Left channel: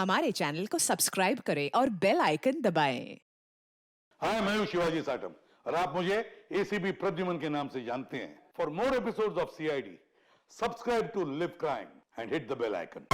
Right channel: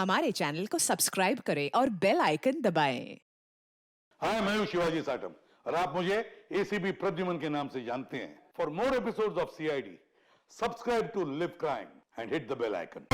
हमारे चैनल को सब्सक्राइब करें और बेल आइकन दबाएं। हाय, मैं हूं शिवाजी साटम और आप मुझे एसीपी प्रद्युमन के नाम से जानते हैं। For more episodes of CID, subscribe to LIV crime and hit the bell icon.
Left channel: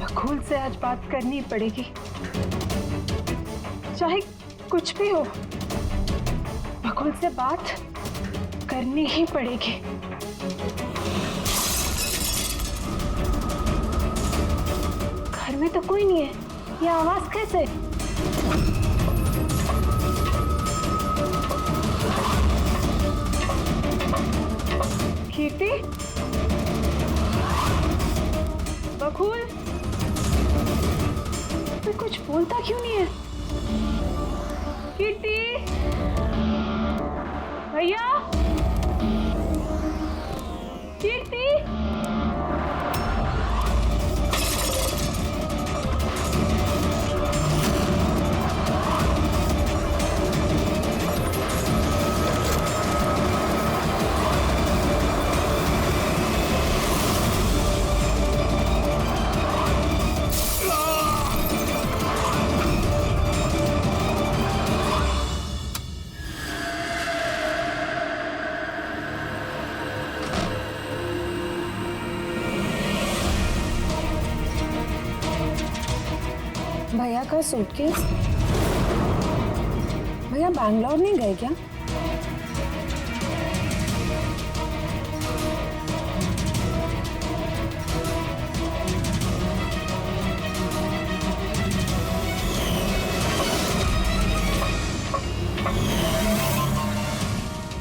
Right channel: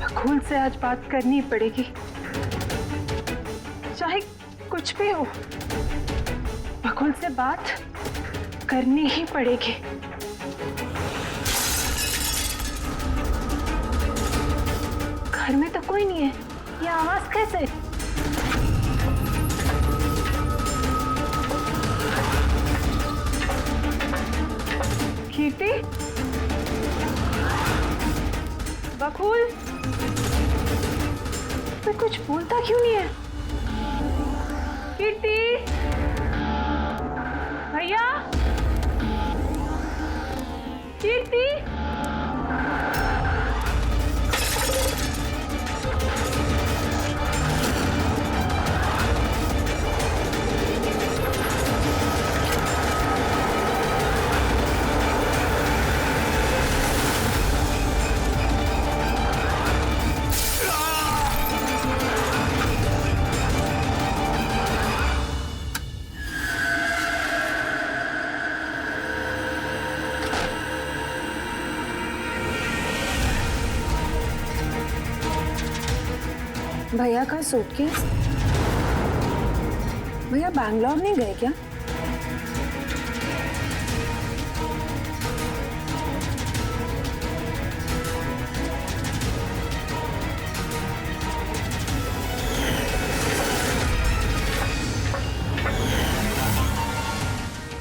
Bakul से आज बात करनी पड़ेगी, चाहे कुछ भी हो। बकुल से बात करनी ही पड़ेगी। घर में तो कोई नहीं है, ये आवाज कैसे? कीर्ति, बकुल, तो कुछ बोलता क्यों नहीं है? कीर्ति, भैया, कीर्ति, भैया का सूटकेस। भैया बैंगलोर नहीं गए क्या?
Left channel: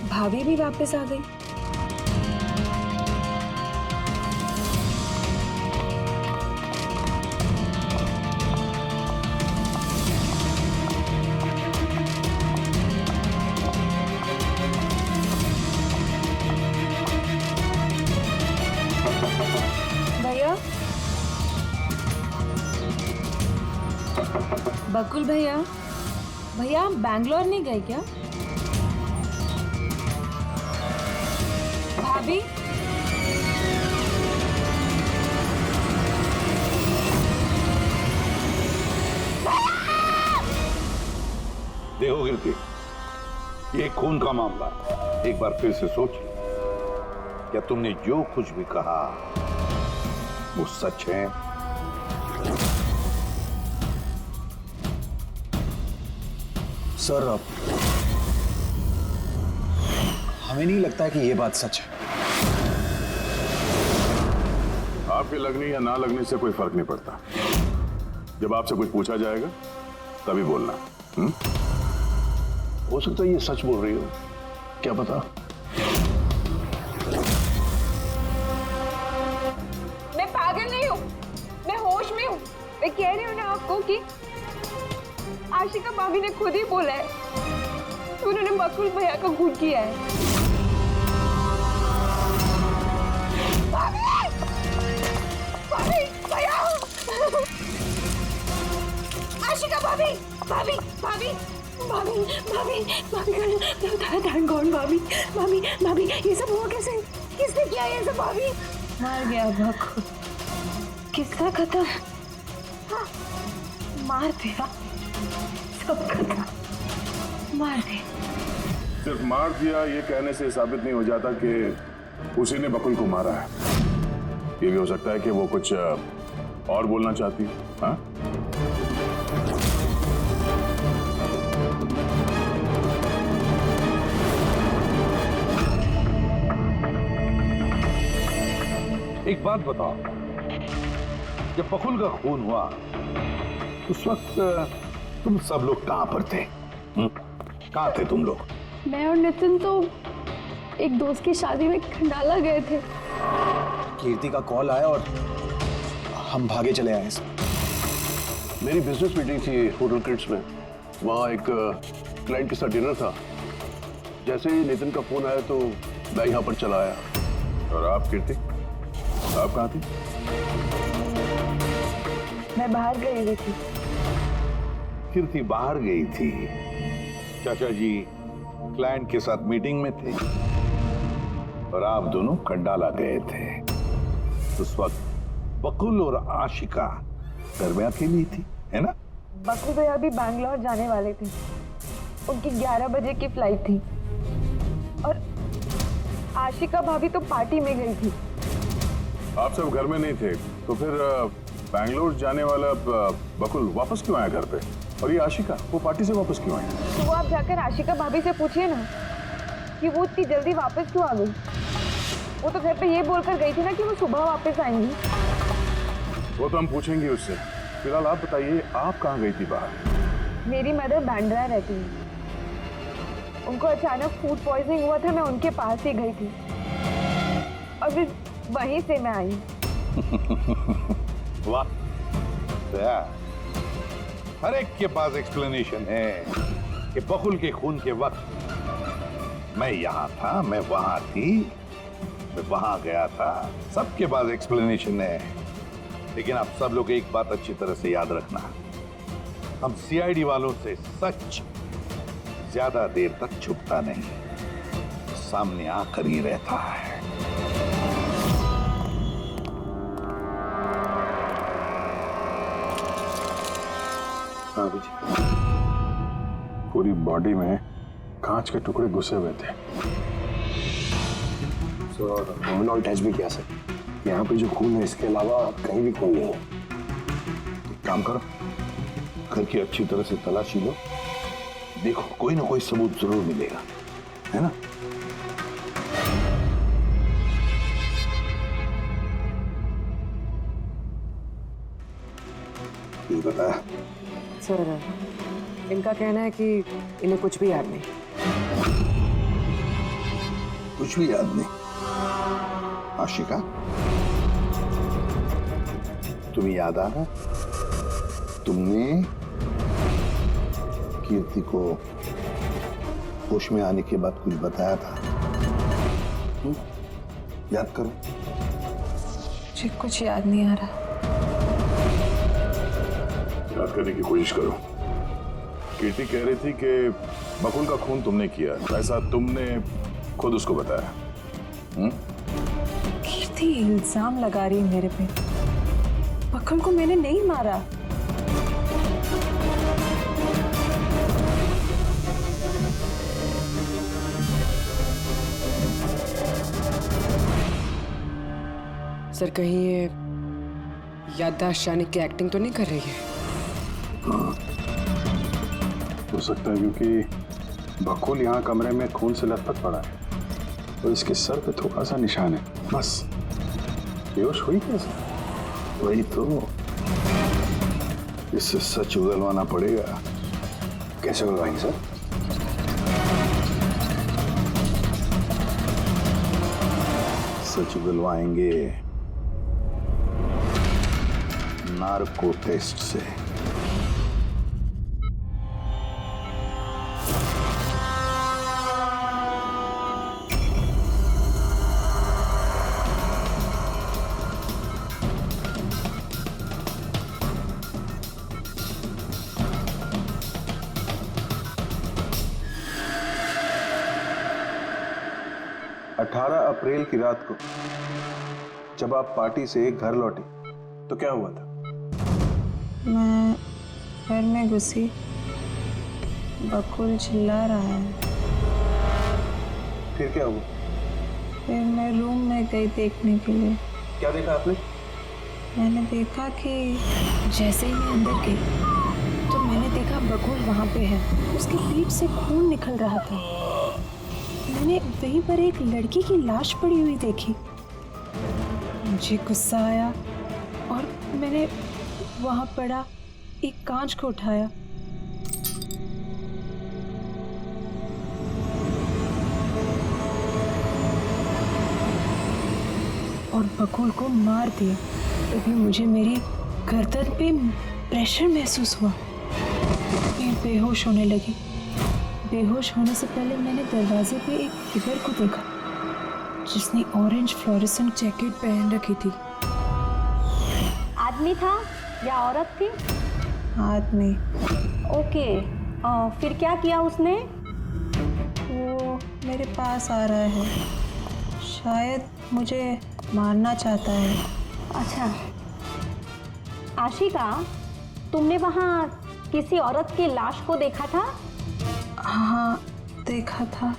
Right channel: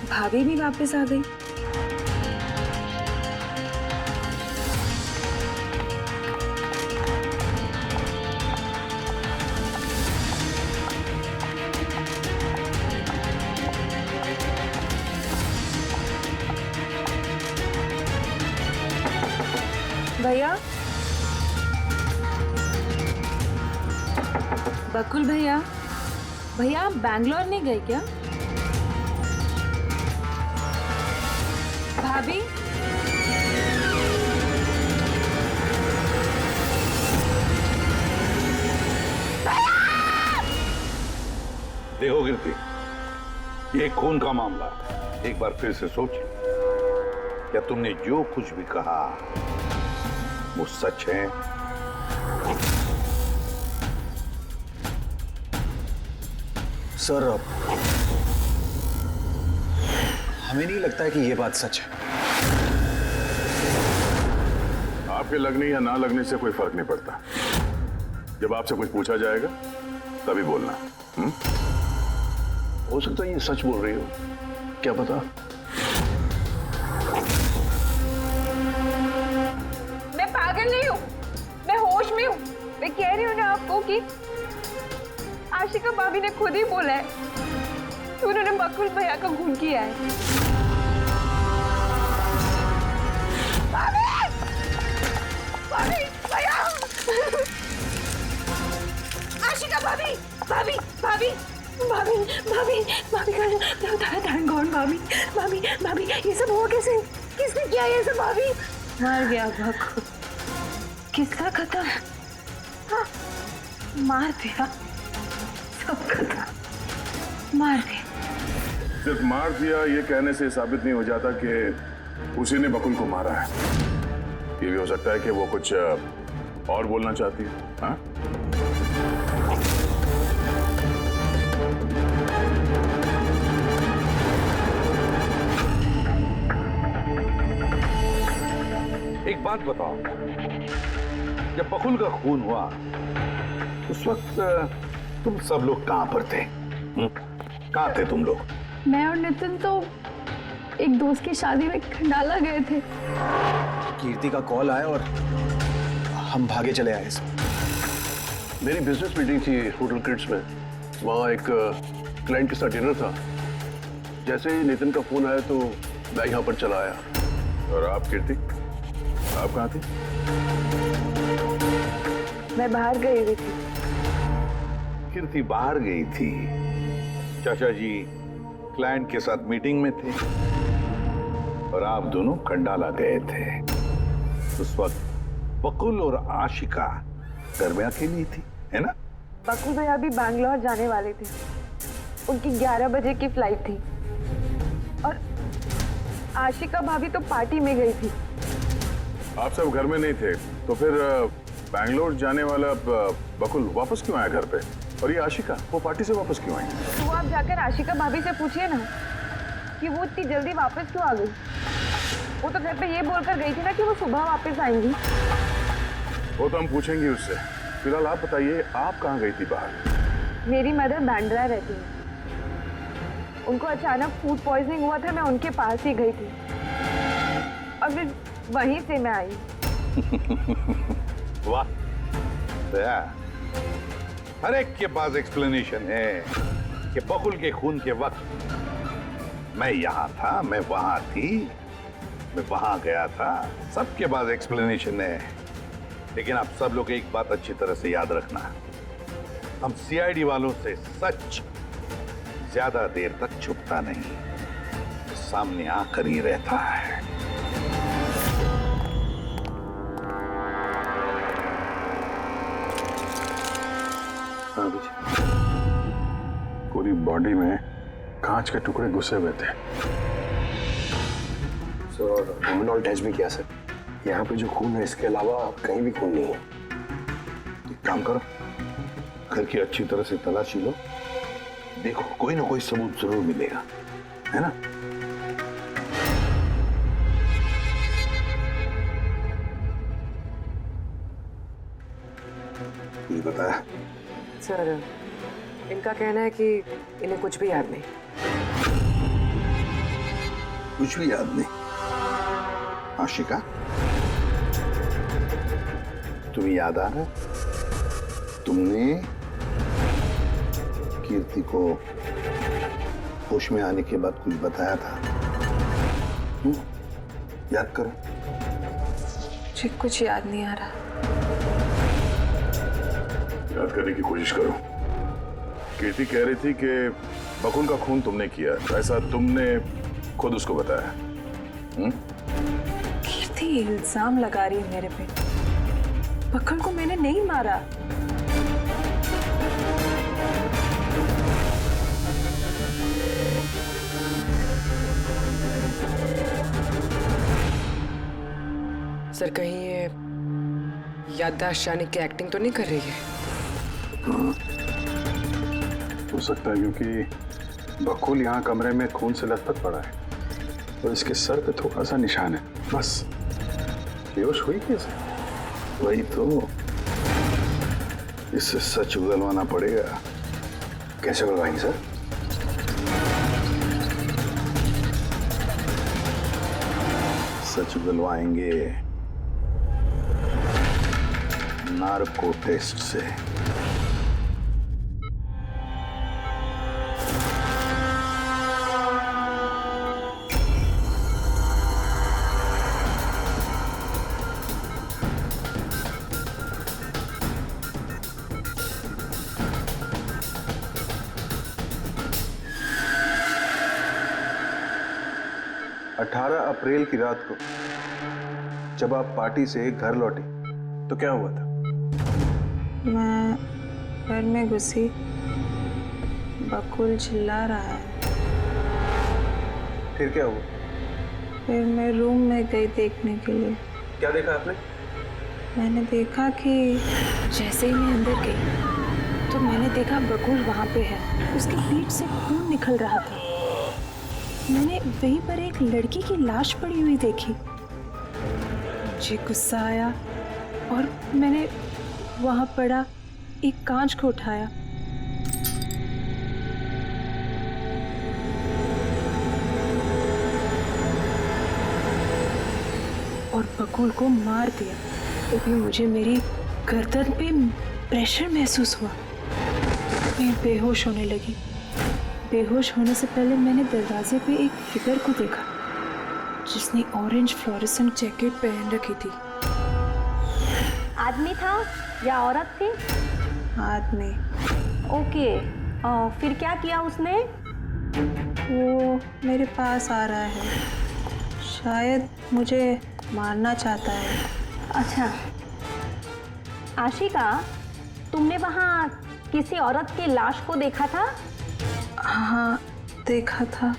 भाभी भी वापस आ गई। भैया, बकुल भैया, भैया आप बैंगलोर नहीं गए क्या? भाभी, देखो कीर्ति, ये खून का मामला है। एक बार फिर से सोच लो, क्या तुमने जो कुछ भी कहा वो सच है? सर, हमें नहीं लगता है कि ये बात सच है। आपके लगने या ना लगने से कोई फर्क नहीं पड़ता। जब आपसे कुछ पूछा जाएगा तभी बोलना। हो सकता है ये सच बोल रही हो, क्या पता। मैं पागल नहीं हूँ, मैं होश में हूँ। मैं कह रही हूँ ना आपको कि आशिका भाभी ने खुद ही बोला है कि उन्होंने बकुल भैया का खून किया है। भाभी! भाभी! भैया! आशिका भाभी! भाभी! भाभी! भाभी! भाभी! भाभी का थैंक गॉड। भाभी! भाभी! भाभी! ये सब हुआ कैसे? किसने किया ये सब? भाभी मर गया बकुल। किस्सा खत्म। हाँ, मार दिया, सब खत्म, मार दिया। सिर्फ मार दिया ये कहने से साबित नहीं हो जाता कि उसी ने बकुल को मारा है। ये भी हो सकता है कि वो कुछ और बोलना चाहती है। हाँ? एक बात बताओ, जब बकुल का खून हुआ उस वक्त तुम सब लोग कहां पर थे? कहां थे तुम लोग? मैं और नितिन तो एक दोस्त की शादी में खंडाला गए थे। कीर्ति का कॉल आया और हम भागे चले आए सर। मेरी बिजनेस मीटिंग थी होटल क्रिट्स में। वहाँ एक क्लाइंट के साथ डिनर था। जैसे ही नितिन का फोन आया तो मैं यहाँ पर चला आया। और आप कीर्ति, आप कहाँ थी? मैं बाहर गई हुई थी। कीर्ति बाहर गई थी। चाचा जी क्लाइंट के साथ मीटिंग में थे और आप दोनों खंडाला गए थे। उस वक्त बकुल और आशिका घर में अकेली थी, है ना? बकुल भैया भी बैंगलोर जाने वाले थे। उनकी 11 बजे की फ्लाइट थी और आशिका भाभी तो पार्टी में गई थी। आप सब घर में नहीं थे तो फिर बैंगलोर जाने वाला बकुल वापस क्यों आया घर पे? और ये आशिका, वो पार्टी से वापस क्यों आई? तो वो आप जाकर आशिका भाभी से पूछिए ना कि वो इतनी जल्दी वापस क्यों आ गई। वो तो घर पे ये बोलकर गई थी ना कि वो सुबह वापस आएंगी। वो तो हम पूछेंगे उससे। फिलहाल आप बताइए, आप कहाँ गई थी बाहर? मेरी मदर बैंड्रा रहती है। उनको अचानक फूड पॉइजनिंग हुआ था, मैं उनके पास ही गई थी और फिर वहीं से मैं आई। वाह, दया। हर एक के पास एक्सप्लेनेशन है कि बकुल के खून के वक्त मैं यहां था, मैं वहां थी, मैं वहां गया था। सबके पास एक्सप्लेनेशन है। लेकिन आप सब लोग एक बात अच्छी तरह से याद रखना, हम सीआईडी वालों से सच ज्यादा देर तक छुपता नहीं, सामने आकर ही रहता है। हाँ जी, पूरी बॉडी में कांच के टुकड़े घुसे हुए थे। सर लुमिनॉल टेस्ट भी किया सर। यहाँ पे जो खून है इसके अलावा कहीं भी खून नहीं है। एक काम करो, घर की अच्छी तरह से तलाशी लो, देखो कोई ना कोई सबूत जरूर मिलेगा, है ना? ये बताया सर, इनका कहना है कि इन्हें कुछ भी याद नहीं। कुछ भी याद नहीं? आशिका, तुम्हें याद आ रहा है तुमने कीर्ति को होश में आने के बाद कुछ बताया था? याद करो। मुझे कुछ याद नहीं आ रहा। याद करने की कोशिश करो। कीर्ति कह रही थी कि बकुल का खून तुमने किया, ऐसा तुमने खुद उसको बताया। कीर्ति इल्जाम लगा रही है मेरे पे। बकुल को मैंने नहीं मारा। सर, कहीं ये याददाश्त जाने की एक्टिंग तो नहीं कर रही है? हो सकता है, क्योंकि बकुल यहाँ कमरे में खून से लथपथ पड़ा है और इसके सर पे थोड़ा सा निशान है, बस। बेहोश हुई कैसे? वही तो, इससे सच उगलवाना पड़ेगा। कैसे उगलवाएंगे सर? सच उगलवाएंगे नार्को टेस्ट से। अप्रैल की रात को जब आप पार्टी से घर लौटी तो क्या हुआ था? मैं घर में घुसी, बकुल चिल्ला रहा है। फिर क्या हुआ? फिर मैं रूम में गई देखने के लिए। क्या देखा आपने? मैंने देखा कि जैसे ही मैं अंदर गई तो मैंने देखा बकुल वहाँ पे है। उसकी पीठ से खून निकल रहा था। मैंने वहीं पर एक लड़की की लाश पड़ी हुई देखी। मुझे गुस्सा आया और मैंने वहां पड़ा एक कांच को उठाया और बकुल को मार दिया। तभी मुझे मेरी गर्दन पे प्रेशर महसूस हुआ। मैं बेहोश होने लगी। बेहोश होने से पहले मैंने दरवाजे पे एक फिगर को देखा जिसने ऑरेंज फ्लोरेसेंट जैकेट पहन रखी थी। आदमी था या औरत थी? आदमी। ओके, फिर क्या किया उसने? वो मेरे पास आ रहा है, शायद मुझे मारना चाहता है। अच्छा आशिका, तुमने वहाँ किसी औरत की लाश को देखा था? हाँ, देखा था।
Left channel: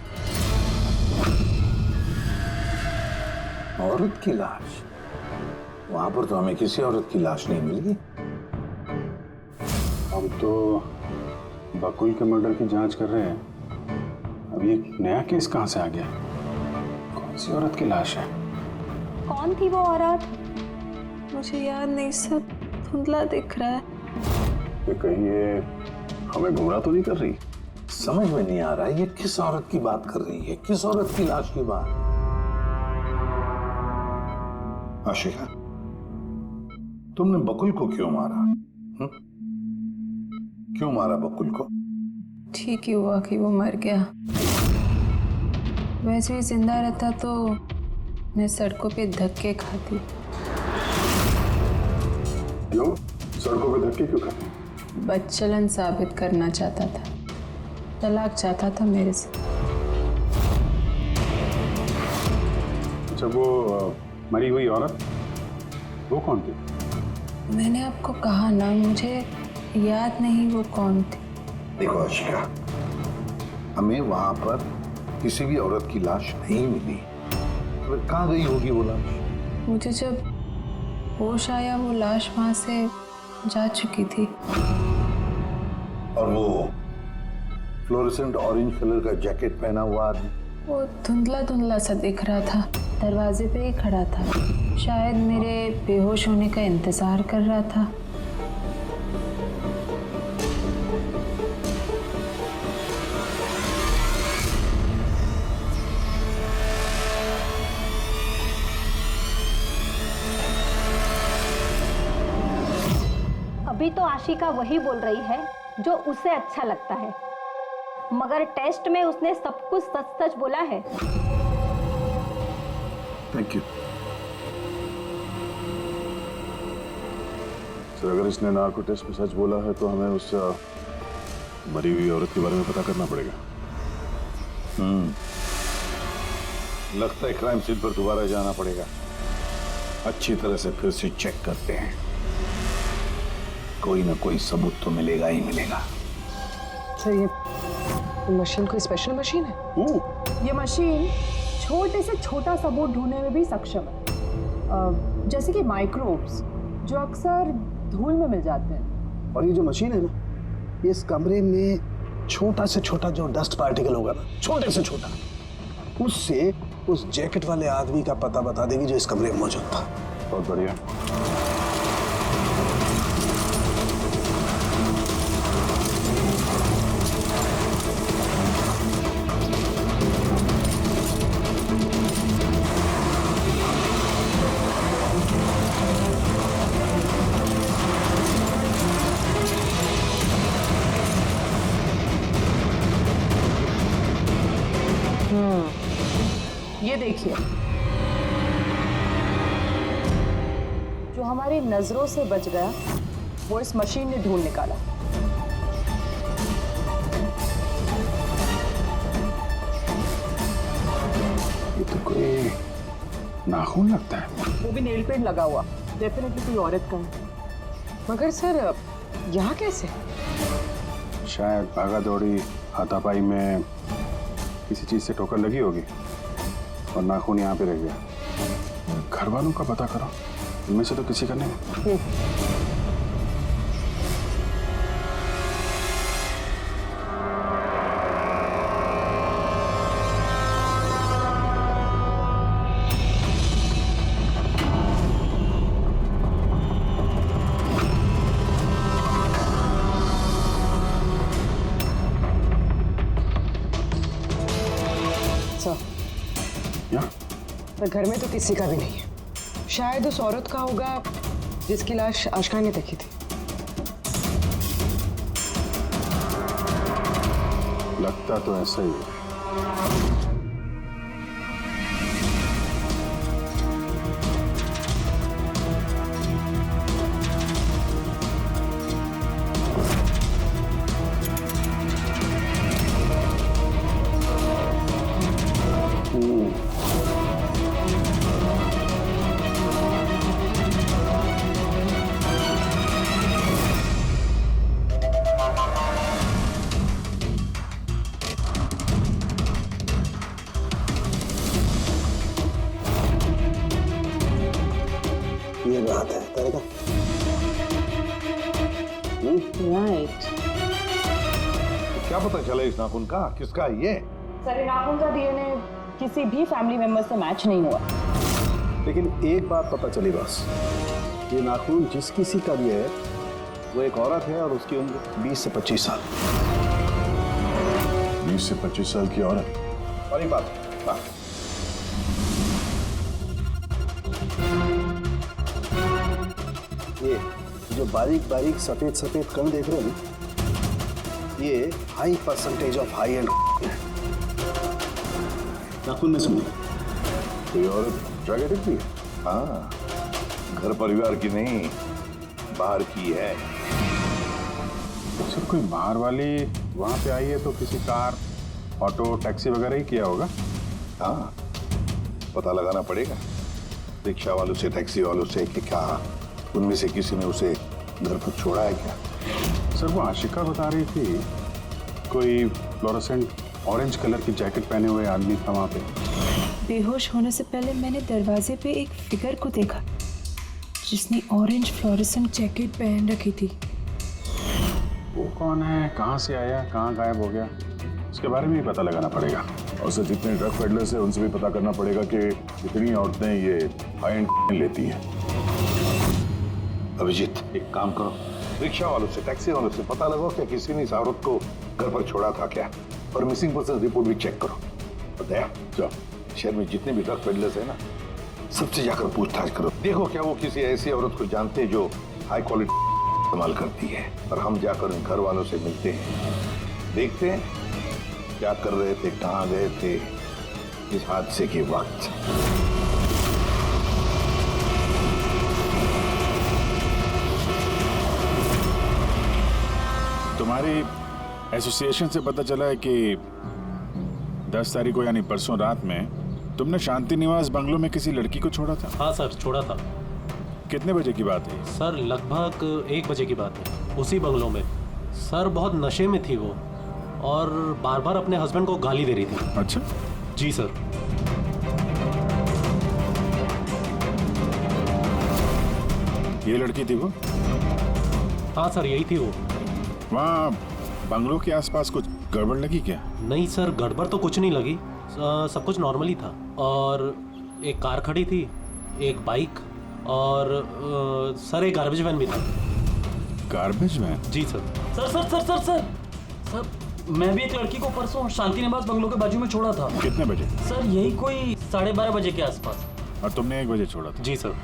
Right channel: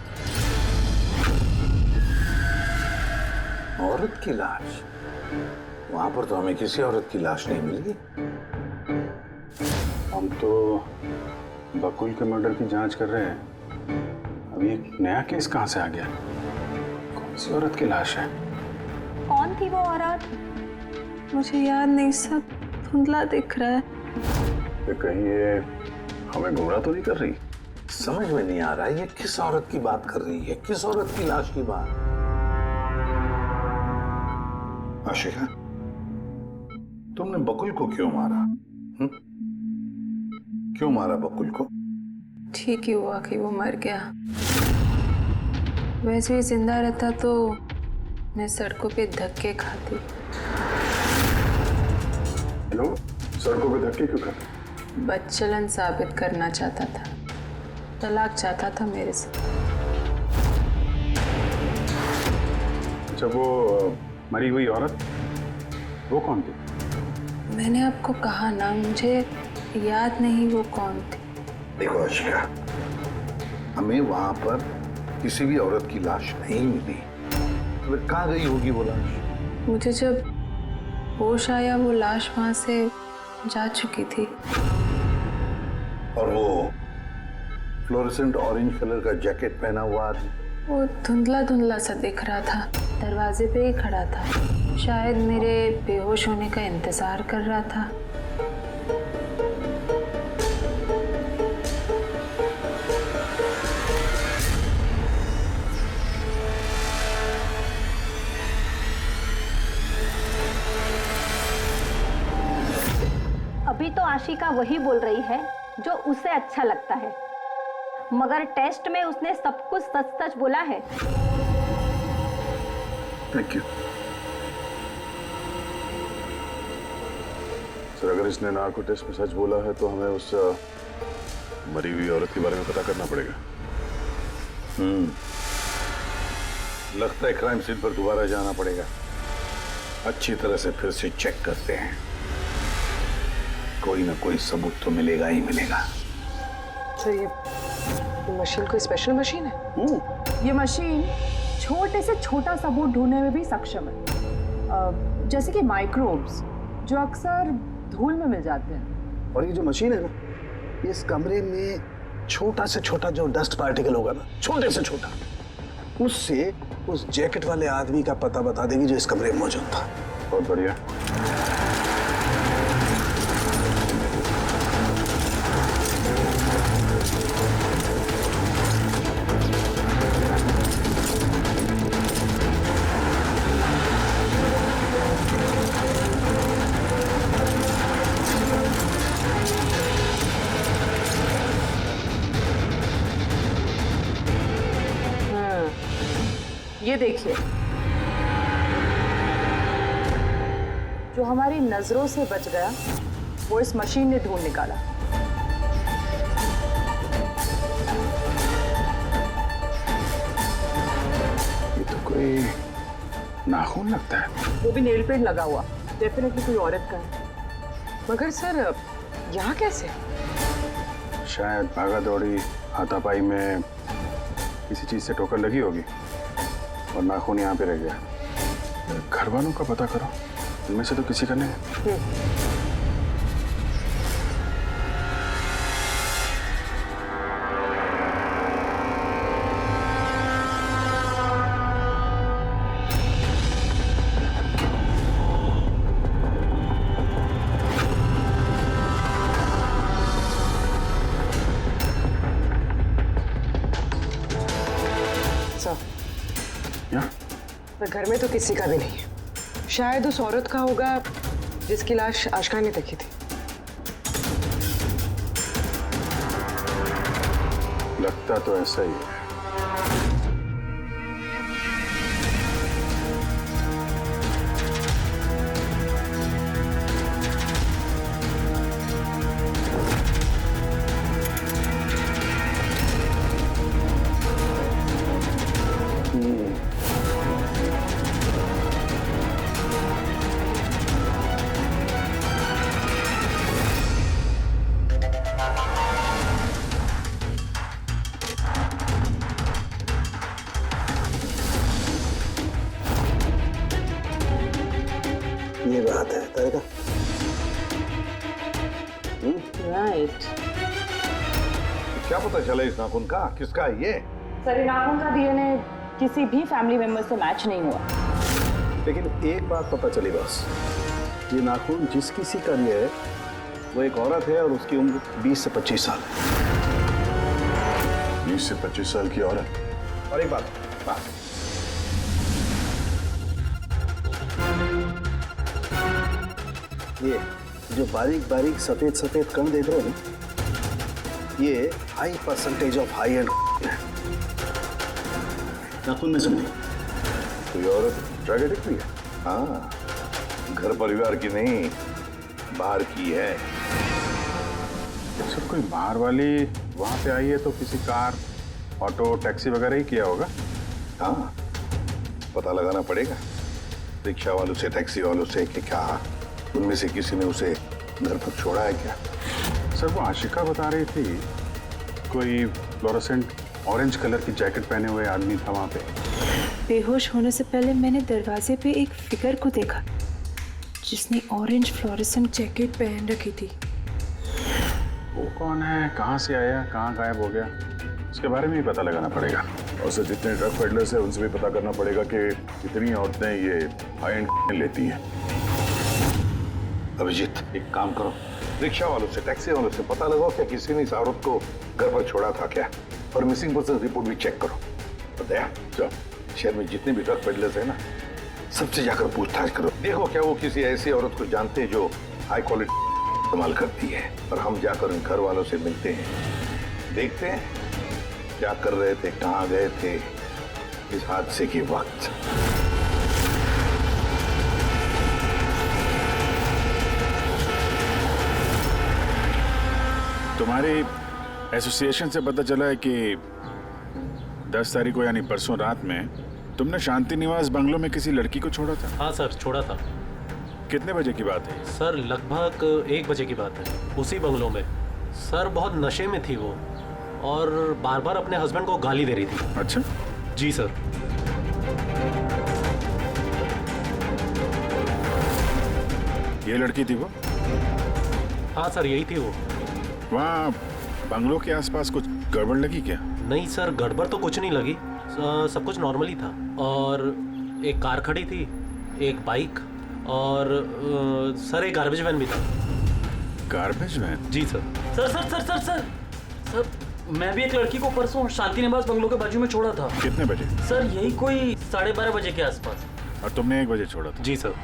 औरत की लाश? वहां पर तो हमें किसी औरत की लाश नहीं मिली। हम तो बकुल के मर्डर की जांच कर रहे हैं। अब ये नया केस कहाँ से आ गया? कौन सी औरत की लाश है? कौन थी वो औरत? मुझे याद नहीं, सब धुंधला दिख रहा है। ये कहीं ये हमें गुमराह तो नहीं कर रही? समझ में नहीं आ रहा है ये किस औरत की बात कर रही है, किस औरत की लाश की बात। आशिका, तुमने बकुल को क्यों मारा? क्यों मारा बकुल को? ठीक ही हुआ कि वो मर गया। वैसे ही जिंदा रहता तो मैं सड़कों पे धक्के खाती। क्यों? सड़कों पे धक्के क्यों खाते? बदचलन साबित करना चाहता था, तलाक चाहता था मेरे से। अच्छा, वो मरी हुई औरत वो कौन थी? मैंने आपको कहा ना, मुझे याद नहीं वो कौन थी। देखो आशिका, हमें वहां पर किसी भी औरत की लाश नहीं मिली। तो फिर कहाँ गई होगी वो लाश? मुझे जब होश आया वो लाश वहां से जा चुकी थी। और वो फ्लोरेसेंट ऑरेंज कलर का जैकेट पहना हुआ आदमी? वो धुंधला धुंधला सा दिख रहा था, दरवाजे पे ही खड़ा था। शायद मेरे बेहोश होने का इंतजार कर रहा था। अभी तो आशिका वही बोल रही है जो उसे अच्छा लगता है, मगर टेस्ट में उसने सब कुछ सच सच बोला है। Thank you sir. अगर इसने नार्को टेस्ट में सच बोला है तो हमें उस मरी हुई औरत के बारे में पता करना पड़ेगा। लगता है क्राइम सीन पर दोबारा जाना पड़ेगा। अच्छी तरह से फिर से चेक करते हैं, कोई ना कोई सबूत तो मिलेगा ही मिलेगा। सर ये मशीन कोई स्पेशल मशीन है? ये मशीन छोटे से छोटा सबूत ढूंढने में भी सक्षम है, जैसे कि माइक्रोब्स जो अक्सर धूल में मिल जाते हैं। और ये जो मशीन है ना, ये इस कमरे में छोटा से छोटा जो डस्ट पार्टिकल होगा ना, छोटे से छोटा, उससे उस जैकेट वाले आदमी का पता बता देगी जो इस कमरे में मौजूद था। बहुत बढ़िया। ये देखिए, जो हमारी नजरों से बच गया वो इस मशीन ने ढूंढ निकाला। ये तो कोई नाखून लगता है। वो भी नेल पेंट लगा हुआ, डेफिनेटली कोई औरत का है। मगर सर यहाँ कैसे? शायद भागा दौड़ी हाथापाई में किसी चीज से ठोकर लगी होगी और नाखून यहाँ पे रह गया। घर वालों का पता करो, इनमें से तो किसी का नहीं। पर घर में तो किसी का भी नहीं है। शायद उस औरत का होगा जिसकी लाश आशका ने देखी थी। लगता तो ऐसा ही है। ये बात है तारिका। राइट। क्या पता चला इस नाखून का किसका है ये? सर, नाखून का डीएनए किसी भी फैमिली मेंबर से मैच नहीं हुआ। लेकिन एक बात पता चली बस, ये नाखून जिस किसी का भी है वो एक औरत है और उसकी उम्र 20 से 25 साल है। 20 से 25 साल की औरत। और एक बात, हाँ, ये जो बारीक बारीक सफेद सफेद कण देख रहे हो ना, ये high percentage of high and है। नाखून में से नहीं। कोई औरत ड्रग एडिक्ट भी है? हाँ, घर परिवार की नहीं, बाहर की है। सर कोई बाहर वाली वहां पे आई है तो किसी कार, ऑटो, टैक्सी वगैरह ही किया होगा। हाँ, पता लगाना पड़ेगा रिक्शा वालों से, टैक्सी वालों से कि क्या उनमें से किसी ने उसे घर पर छोड़ा है क्या। सर वो आशिका बता रही थी कोई फ्लोरोसेंट ऑरेंज कलर की जैकेट पहने हुए आदमी था वहां पे। बेहोश होने से पहले मैंने दरवाजे पे एक फिगर को देखा जिसने ऑरेंज फ्लोरेसेंट जैकेट पहन रखी थी। वो कौन है, कहाँ से आया, कहाँ गायब हो गया, उसके बारे में ही पता लगाना पड़ेगा। और सर जितने ड्रग पेडलर्स हैं उनसे भी पता करना पड़ेगा कि कितनी औरतें ये हाई एंड लेती हैं। अभिजीत, एक काम करो, रिक्शा वालों से, टैक्सी वालों से पता लगाओ क्या किसी ने इस औरत को घर पर छोड़ा था क्या, और मिसिंग पर्सन रिपोर्ट भी चेक करो। और दया, जाओ शहर में जितने भी ड्रग पेडलर्स हैं ना, सबसे जाकर पूछताछ करो। देखो क्या वो किसी ऐसी औरत को जानते हैं जो हाई क्वालिटी इस्तेमाल करती है, और हम जाकर उन घर वालों से मिलते हैं, देखते हैं क्या कर रहे थे, कहाँ गए थे इस हादसे के वक्त। तुम्हारी एसोसिएशन से पता चला है कि 10 तारीख को यानी परसों रात में तुमने शांति निवास बंगलों में किसी लड़की को छोड़ा था। हाँ सर, छोड़ा था। कितने बजे की बात है? सर लगभग 1 बजे की बात है, उसी बंगलों में। सर बहुत नशे में थी वो, और बार बार अपने हस्बैंड को गाली दे रही थी। अच्छा जी सर। ये लड़की थी वो? हाँ सर, यही थी वो। वहाँ बंगलों के आसपास कुछ गड़बड़ लगी क्या? नहीं सर, गड़बड़ तो कुछ नहीं लगी, सब कुछ नॉर्मली था। और एक कार खड़ी थी, एक बाइक, और सर एक गार्बेज वैन भी था। Garbage van? जी sir. Sir sir sir sir sir sir मैं भी एक लड़की को परसों शांति निवास बंगलों के बाजू में छोड़ा था। कितने बजे? सर यही कोई 12:30 बजे के आसपास। और तुमने 1 बजे छोड़ा था? जी सर।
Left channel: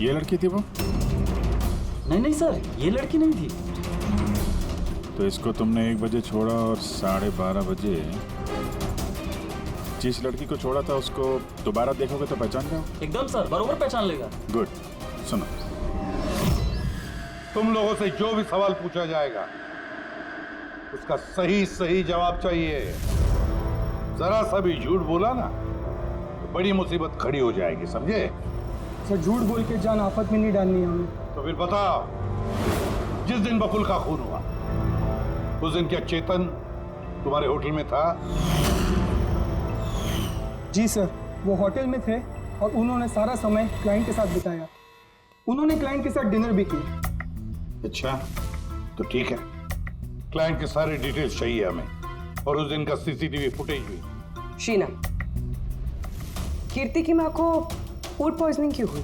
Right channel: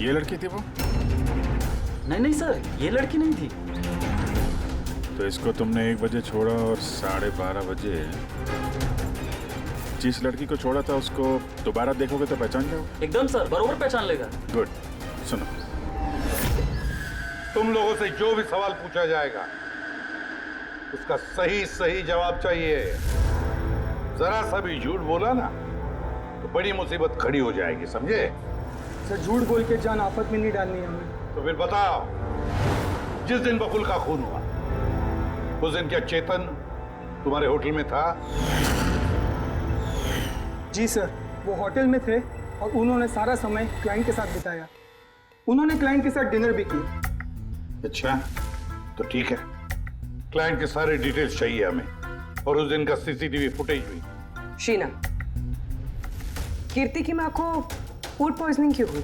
ये लड़की थी वो? नहीं नहीं सर, ये लड़की नहीं थी। तो इसको तुमने 1 बजे छोड़ा और 12:30 बजे जिस लड़की को छोड़ा था उसको दोबारा देखोगे तो पहचान जाओगे? एकदम सर, बरोबर पहचान लेगा। गुड। सुनो, तुम लोगों से जो भी सवाल पूछा जाएगा उसका सही सही जवाब चाहिए। जरा सा भी झूठ बोला ना तो बड़ी मुसीबत खड़ी हो जाएगी, समझे? सर झूठ बोल के जान आफत में नहीं डालनी है हमें। तो फिर बताओ, जिस दिन बकुल का खून हुआ उस दिन क्या चेतन तुम्हारे होटल में था? जी सर, वो होटल में थे और उन्होंने सारा समय क्लाइंट के साथ बिताया। उन्होंने क्लाइंट के साथ डिनर भी किया। अच्छा, तो ठीक है, क्लाइंट के सारे डिटेल्स चाहिए हमें, और उस दिन का सीसीटीवी फुटेज भी। शीना, कीर्ति की माँ को फूड पॉइजनिंग क्यों हुई?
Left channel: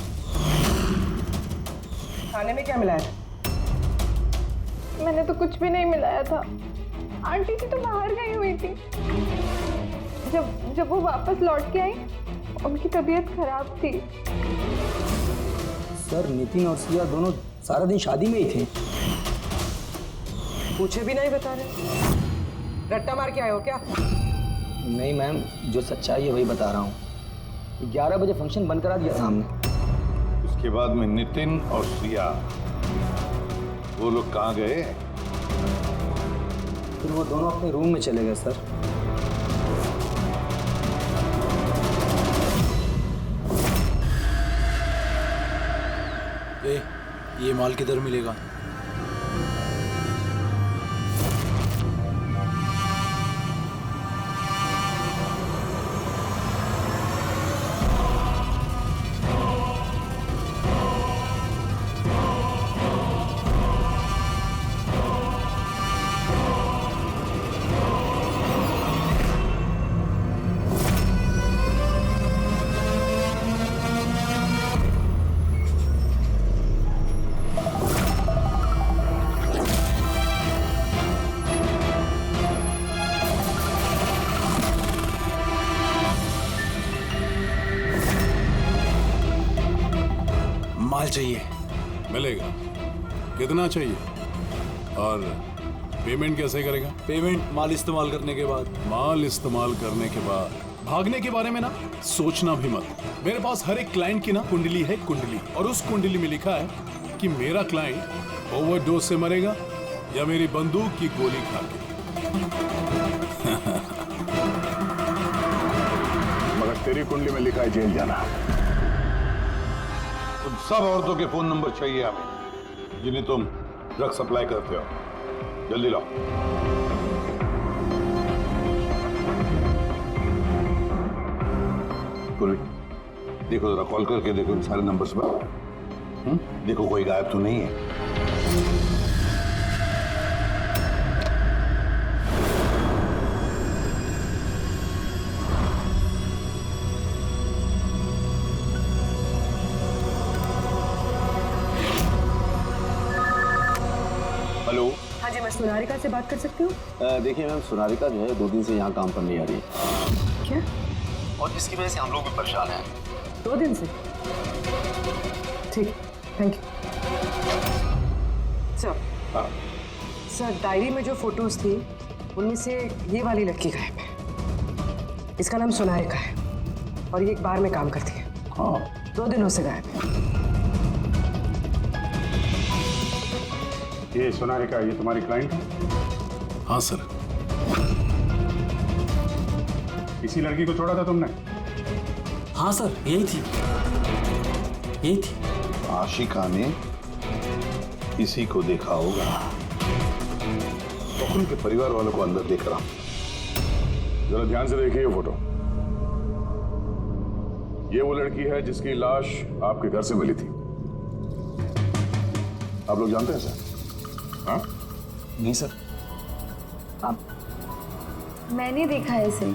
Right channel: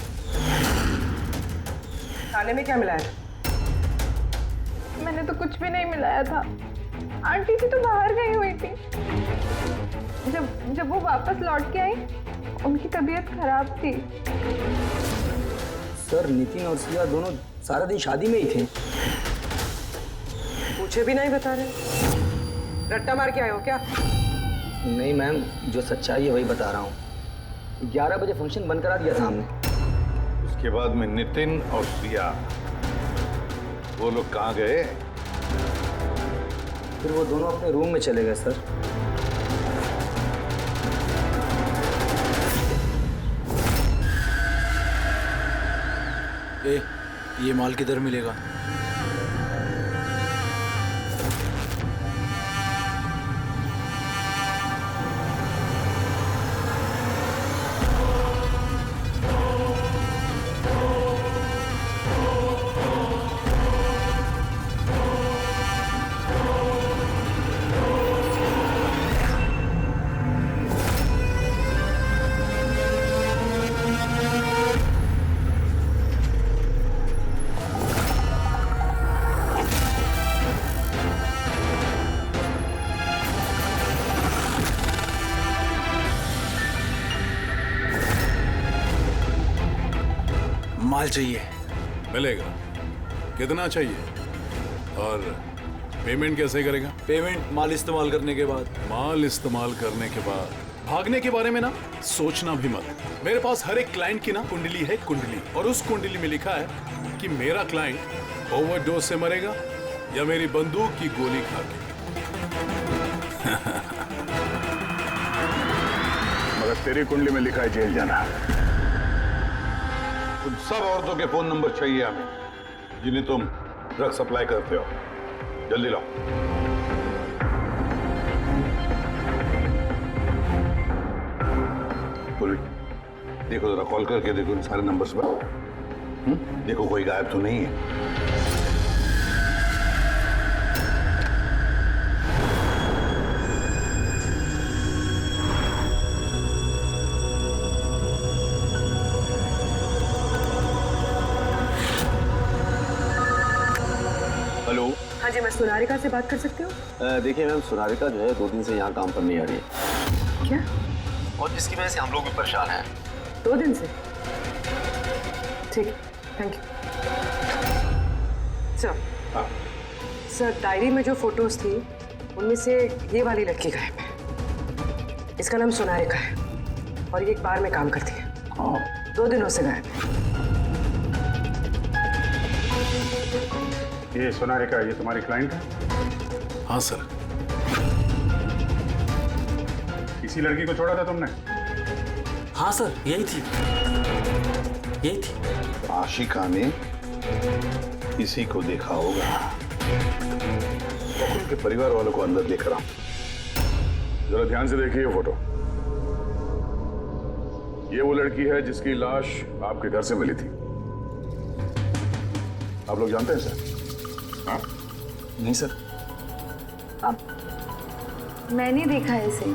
खाने में क्या मिलाया था? मैंने तो कुछ भी नहीं मिलाया था। आंटी थी तो बाहर गई हुई थी। जब वो वापस लौट के आई, उनकी तबीयत खराब थी। सर नितिन और सिया दोनों सारा दिन शादी में ही थे। पूछे भी नहीं बता रहे, रट्टा मार के आए हो क्या? नहीं मैम, जो सच्चाई है वही बता रहा हूँ। 11 बजे फंक्शन बंद करा दिया था हमने। उसके बाद में नितिन और सिया वो लोग कहाँ गए? फिर वो दोनों अपने रूम में चले गए सर। ये माल किधर मिलेगा? माल चाहिए। मिलेगा। कितना चाहिए और पेमेंट कैसे करेगा? पेमेंट माल इस्तेमाल करने के बाद। माल इस्तेमाल करने के बाद भागने के बारे में ना सोचना भी मत। मेरे पास हर एक क्लाइंट की ना कुंडली है, कुंडली, और उस कुंडली में लिखा है कि मेरा क्लाइंट ओवरडोज से मरेगा या मेरी बंदूक की गोली खा के। मगर तेरी कुंडली में लिखा है जेल जाना। उन सब औरतों के फोन नंबर चाहिए हमें जिन्हें तुम ड्रग सप्लाई करते हो। जल्दी लाओ। पूर्वी, देखो जरा कॉल करके देखो इन सारे नंबर्स पर। देखो कोई गायब तो नहीं है। हेलो। हाँ जी, मैं सोनारिका से बात कर सकती हूँ? देखिए मैम, सोनारिका जो है 2 दिन से यहाँ काम पर नहीं आ रही है। क्या? और जिसकी वजह से हम लोग भी परेशान हैं। 2 दिन से? ठीक, thank you. Sir, sir diary में जो फोटोज थी उनमें से ये वाली लड़की गायब है। इसका नाम सोनारिका है और ये एक बार में काम करती है। 2 दिनों से गायब है। ये सोनारिका, ये तुम्हारी क्लाइंट है? हाँ सर। इसी लड़की को छोड़ा था तुमने? हाँ सर, यही थी, यही थी। आशिका ने इसी को देखा होगा। बकुल के परिवार वालों को अंदर देख रहा हूं। जरा ध्यान से देखिए ये फोटो। ये वो लड़की है जिसकी लाश आपके घर से मिली थी। आप लोग जानते हैं सर? हाँ? नहीं सर। अब मैंने देखा है इसे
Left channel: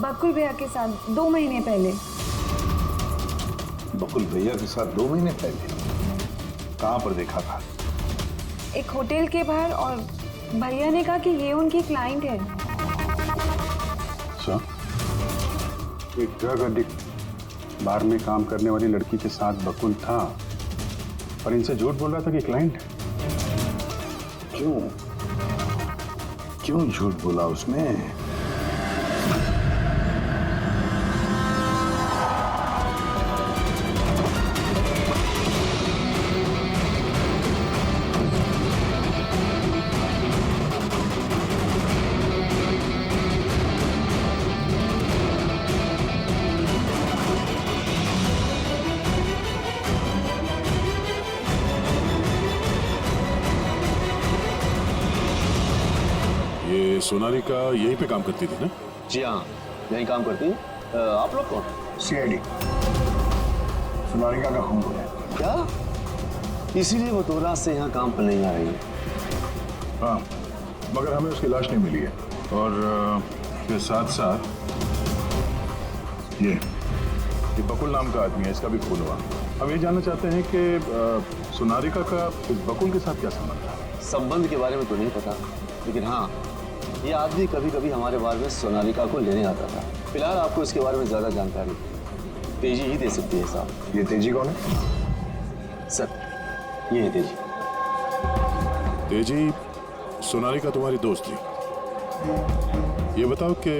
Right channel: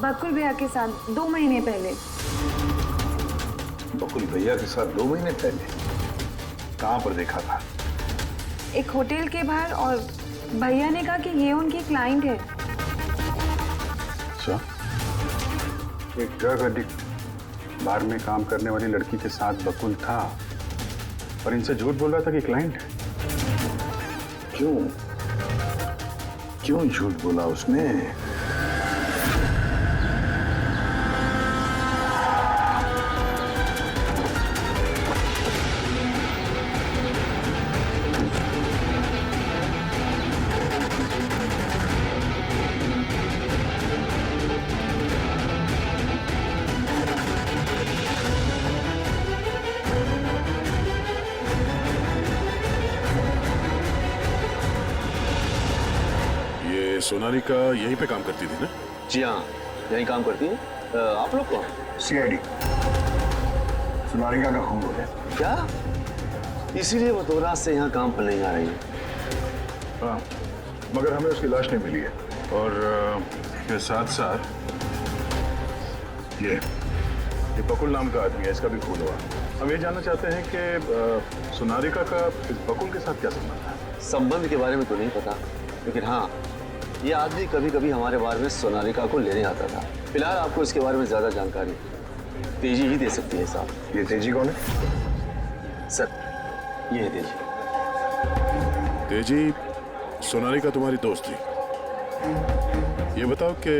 बकुल भैया के साथ 2 महीने पहले। बकुल भैया के साथ 2 महीने पहले? कहां पर देखा था? एक होटल के बाहर, और भैया ने कहा कि ये उनकी क्लाइंट है। अच्छा, एक ड्रग एडिक्ट बार में काम करने वाली लड़की के साथ बकुल था और इनसे झूठ बोल रहा था कि क्लाइंट है। क्यों झूठ बोला उसने? ये सोनालिका यहीं पे काम करती थी ना? जी हाँ, यहीं काम करती है। आप लोग कौन? सीआईडी। सोनालिका का खून हो गया। क्या? इसीलिए वो 2 रात से यहाँ काम पर नहीं आ रही है। हाँ, मगर हमें उसकी लाश नहीं मिली है। और के साथ साथ ये बकुल नाम का आदमी है, इसका भी खून हुआ। हम ये जानना चाहते हैं कि सोनालिका का इस बकुल के साथ क्या संबंध है? संबंध के बारे में तो नहीं पता, लेकिन हाँ, ये आदमी कभी कभी हमारे बारे में सोनालिका को लेने आता था। फिलहाल आपको इसके बारे में ज्यादा जानकारी तेजी ही दे सकती है साहब। ये तेजी कौन है? सर ये है तेजी। तेजी, सोनालिका तुम्हारी दोस्त थी। ये बताओ कि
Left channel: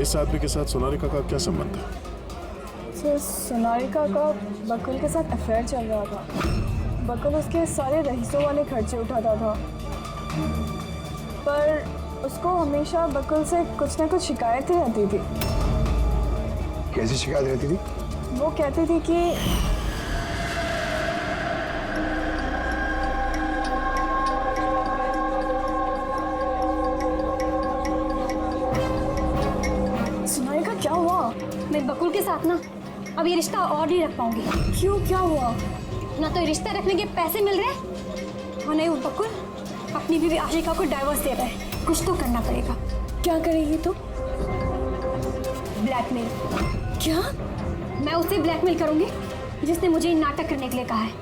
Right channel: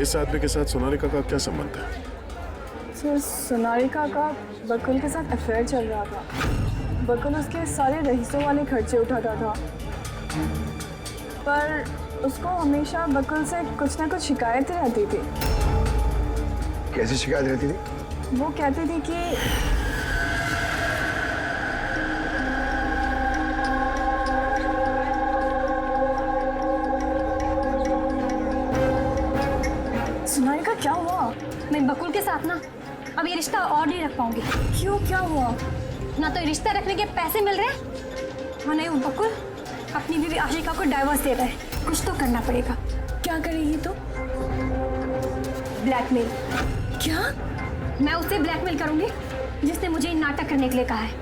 इस आदमी के साथ सोनालिका का क्या संबंध है? सर, सोनालिका का बकुल के साथ अफेयर चल रहा था। बकुल उसके सारे रईसों वाले खर्चे उठाता था, पर उसको हमेशा बकुल से कुछ ना कुछ शिकायतें रहती थी। कैसी शिकायत रहती थी? वो कहती थी कि सोनालिका, क्या हुआ? मैं बकुल के साथ ना अब ये रिश्ता और नहीं रख पाऊंगी। क्यों, क्या हुआ? ना तो रिश्ता रखने के पैसे मिल रहे और नहीं वो बकुल अपनी बीवी आशिका को डाइवोर्स दे रहा है। कुछ तो करना पड़ेगा। क्या करेगी तू? ब्लैकमेल। क्या? मैं उसे ब्लैकमेल करूंगी जिसने मुझे नाटक करने के लिए कहा है।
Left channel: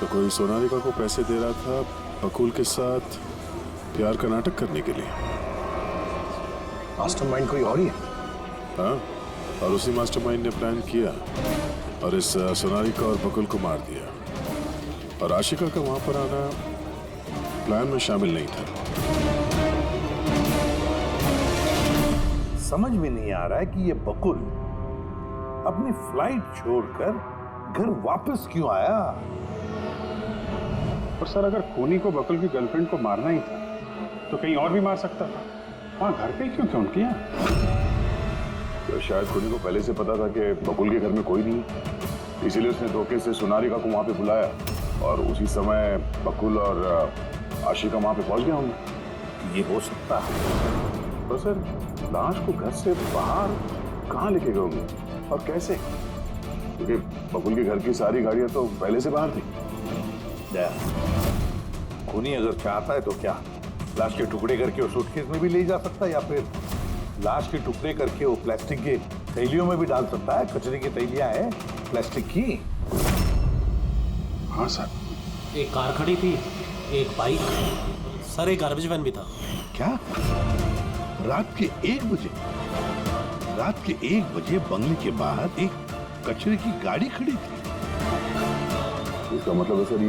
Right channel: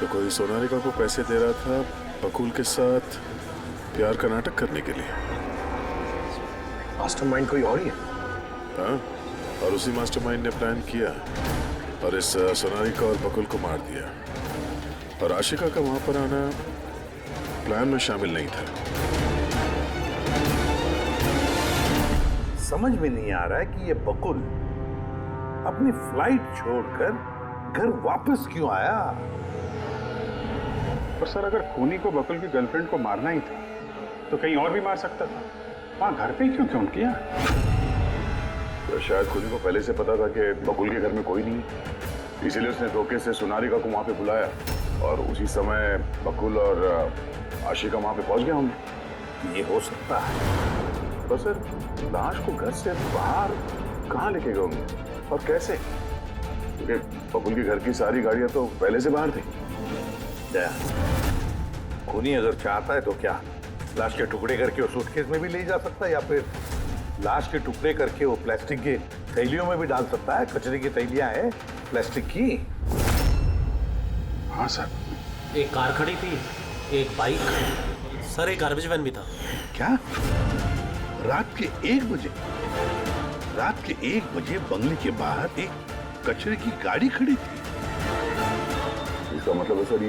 तो कोई सोनालिका को पैसे दे रहा था बकुल के साथ प्यार का नाटक करने के लिए। मास्टरमाइंड कोई और ही है। हाँ, और उसी मास्टरमाइंड ने प्लान किया और इस सोनालिका और बकुल को मार दिया। और आशिका का वहां पर आना प्लान में शामिल नहीं था। समझ में नहीं आ रहा है कि ये बकुल अपनी फ्लाइट छोड़कर घर वापस क्यों आया। पर सर, अगर खूनी को बकुल की गर्लफ्रेंड को मारना ही था तो कहीं और भी मार सकता था। वहां घर पे क्यों क्यों किया? तो शायद खूनी को पहले से पता था कि बकुल के घर में कोई नहीं, इसीलिए उसने धोखे से सोनालिका को वहां पे बुलाया और उसी समय बकुल और आशिका वहां पे पहुंच गए होंगे। ये हो सकता है। तो सर, लाश को घर से बाहर कहाँ लेके गए होंगे और कैसे? क्योंकि बकुल के घर की सारी गाड़ियां तो पहले से बाहर थी। खूनी अगर चाहता है तो क्या लाश के टुकड़े करके वो सूटकेस में भी ले जा सकता है, या फिर लाश के टुकड़े करके वो प्लास्टिक के थैलियों में भी डाल सकता है। कचरे की थैलियां हैं प्लास्टिक की। हाँ सर। एक कार खड़ी थी, एक बाइक, सर एक गार्बेज वैन भी था। क्या? रात के 1 बजे? रात के 1 बजे बंगले के बाहर एक कचरे की गाड़ी खड़ी थी। इसका मतलब है सर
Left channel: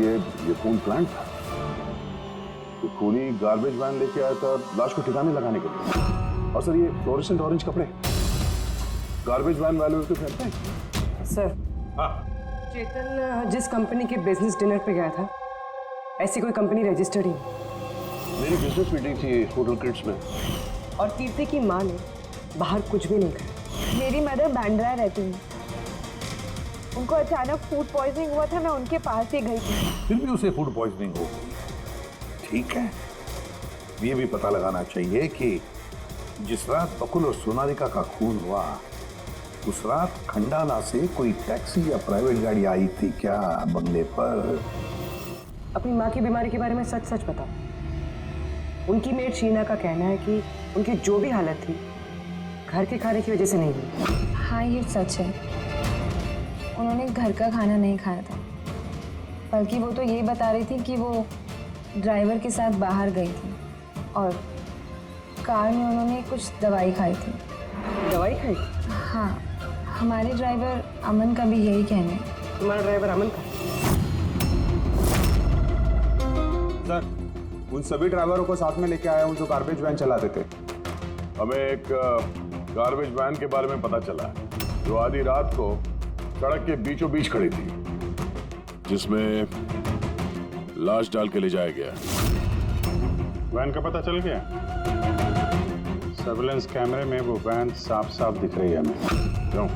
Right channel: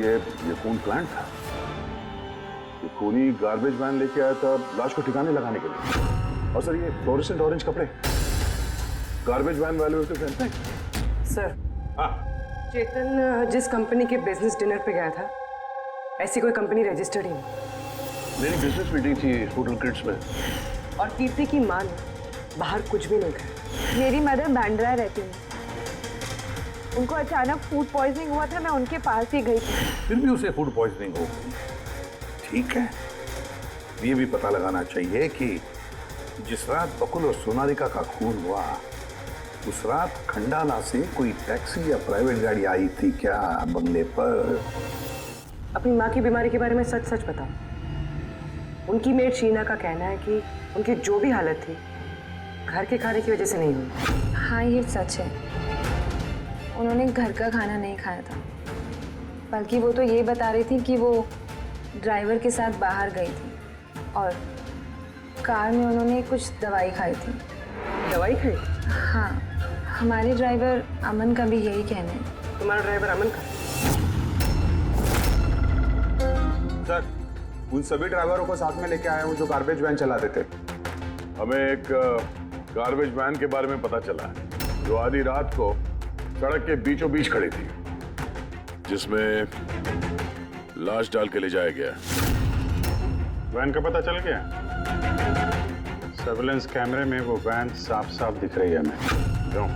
ये खून प्लांट था। ये खूनी गार्बेज वैन लेके आया था लाश को ठिकाने लगाने के लिए। और सर ये फ्लोरेसेंट ऑरेंज कपड़े गार्बेज वैन वाले तो पहनते हैं। सर, हाँ, चेतन जिस कंपनी के बिजनेस डिनर पे गया था, ऐसी कोई कंपनी रजिस्टर्ड ही नहीं। मेरी बिजनेस मीटिंग थी होटल क्रिट्स में। और कीर्ति की माँ ने बाहर कुछ भी नहीं कहा। मेरी मदर बांद्रा रहती है। उनको अचानक फूड पॉइजनिंग हुआ था, मैं उनके पास ही गई थी। फिर भी उसे फूड पॉइजनिंग हो गई। ठीक है, ये भी पता लगाना चाहिए कि जिस रात बकुल और सोनालिका का खून हुआ, उस रात खंडाला से कोई टैक्सी या प्राइवेट गाड़ी आई थी क्या बंगले पर? अपनी माँ की बीमारी के बारे में सच सच बताओ। उनकी मेड शीना का कहना है कि उनकी जो भी हालत थी घर के खाने की वजह से नहीं हुई। हाँ, ये सच है। उन्होंने घर का खाना नहीं खाया था, बल्कि वो तो ये बता रही थी कि वो ड्राइवर के साथ बाहर गई थी और कार में उन्होंने कुछ दवाई खाई थी। दवाई खाई थी? हाँ, हमारे ड्राइवर अमन का भी यही कहना है। तुम्हारा ड्राइवर अमन का? सर, उन सभी ड्राइवरों को साथ में लेके आया हूँ जो गार्बेज वैन चलाते थे। हमें एक गार्बेज वैन के बारे में पता चला है जो आधी रात को सड़क के बीचों बीच खड़ी थी, जिसमें लाश डाल के ले जाया गया। वैन का पता चल गया? सर्विलेंस कैमरे में वो वैन साफ साफ दिख रही है हमें। क्यों?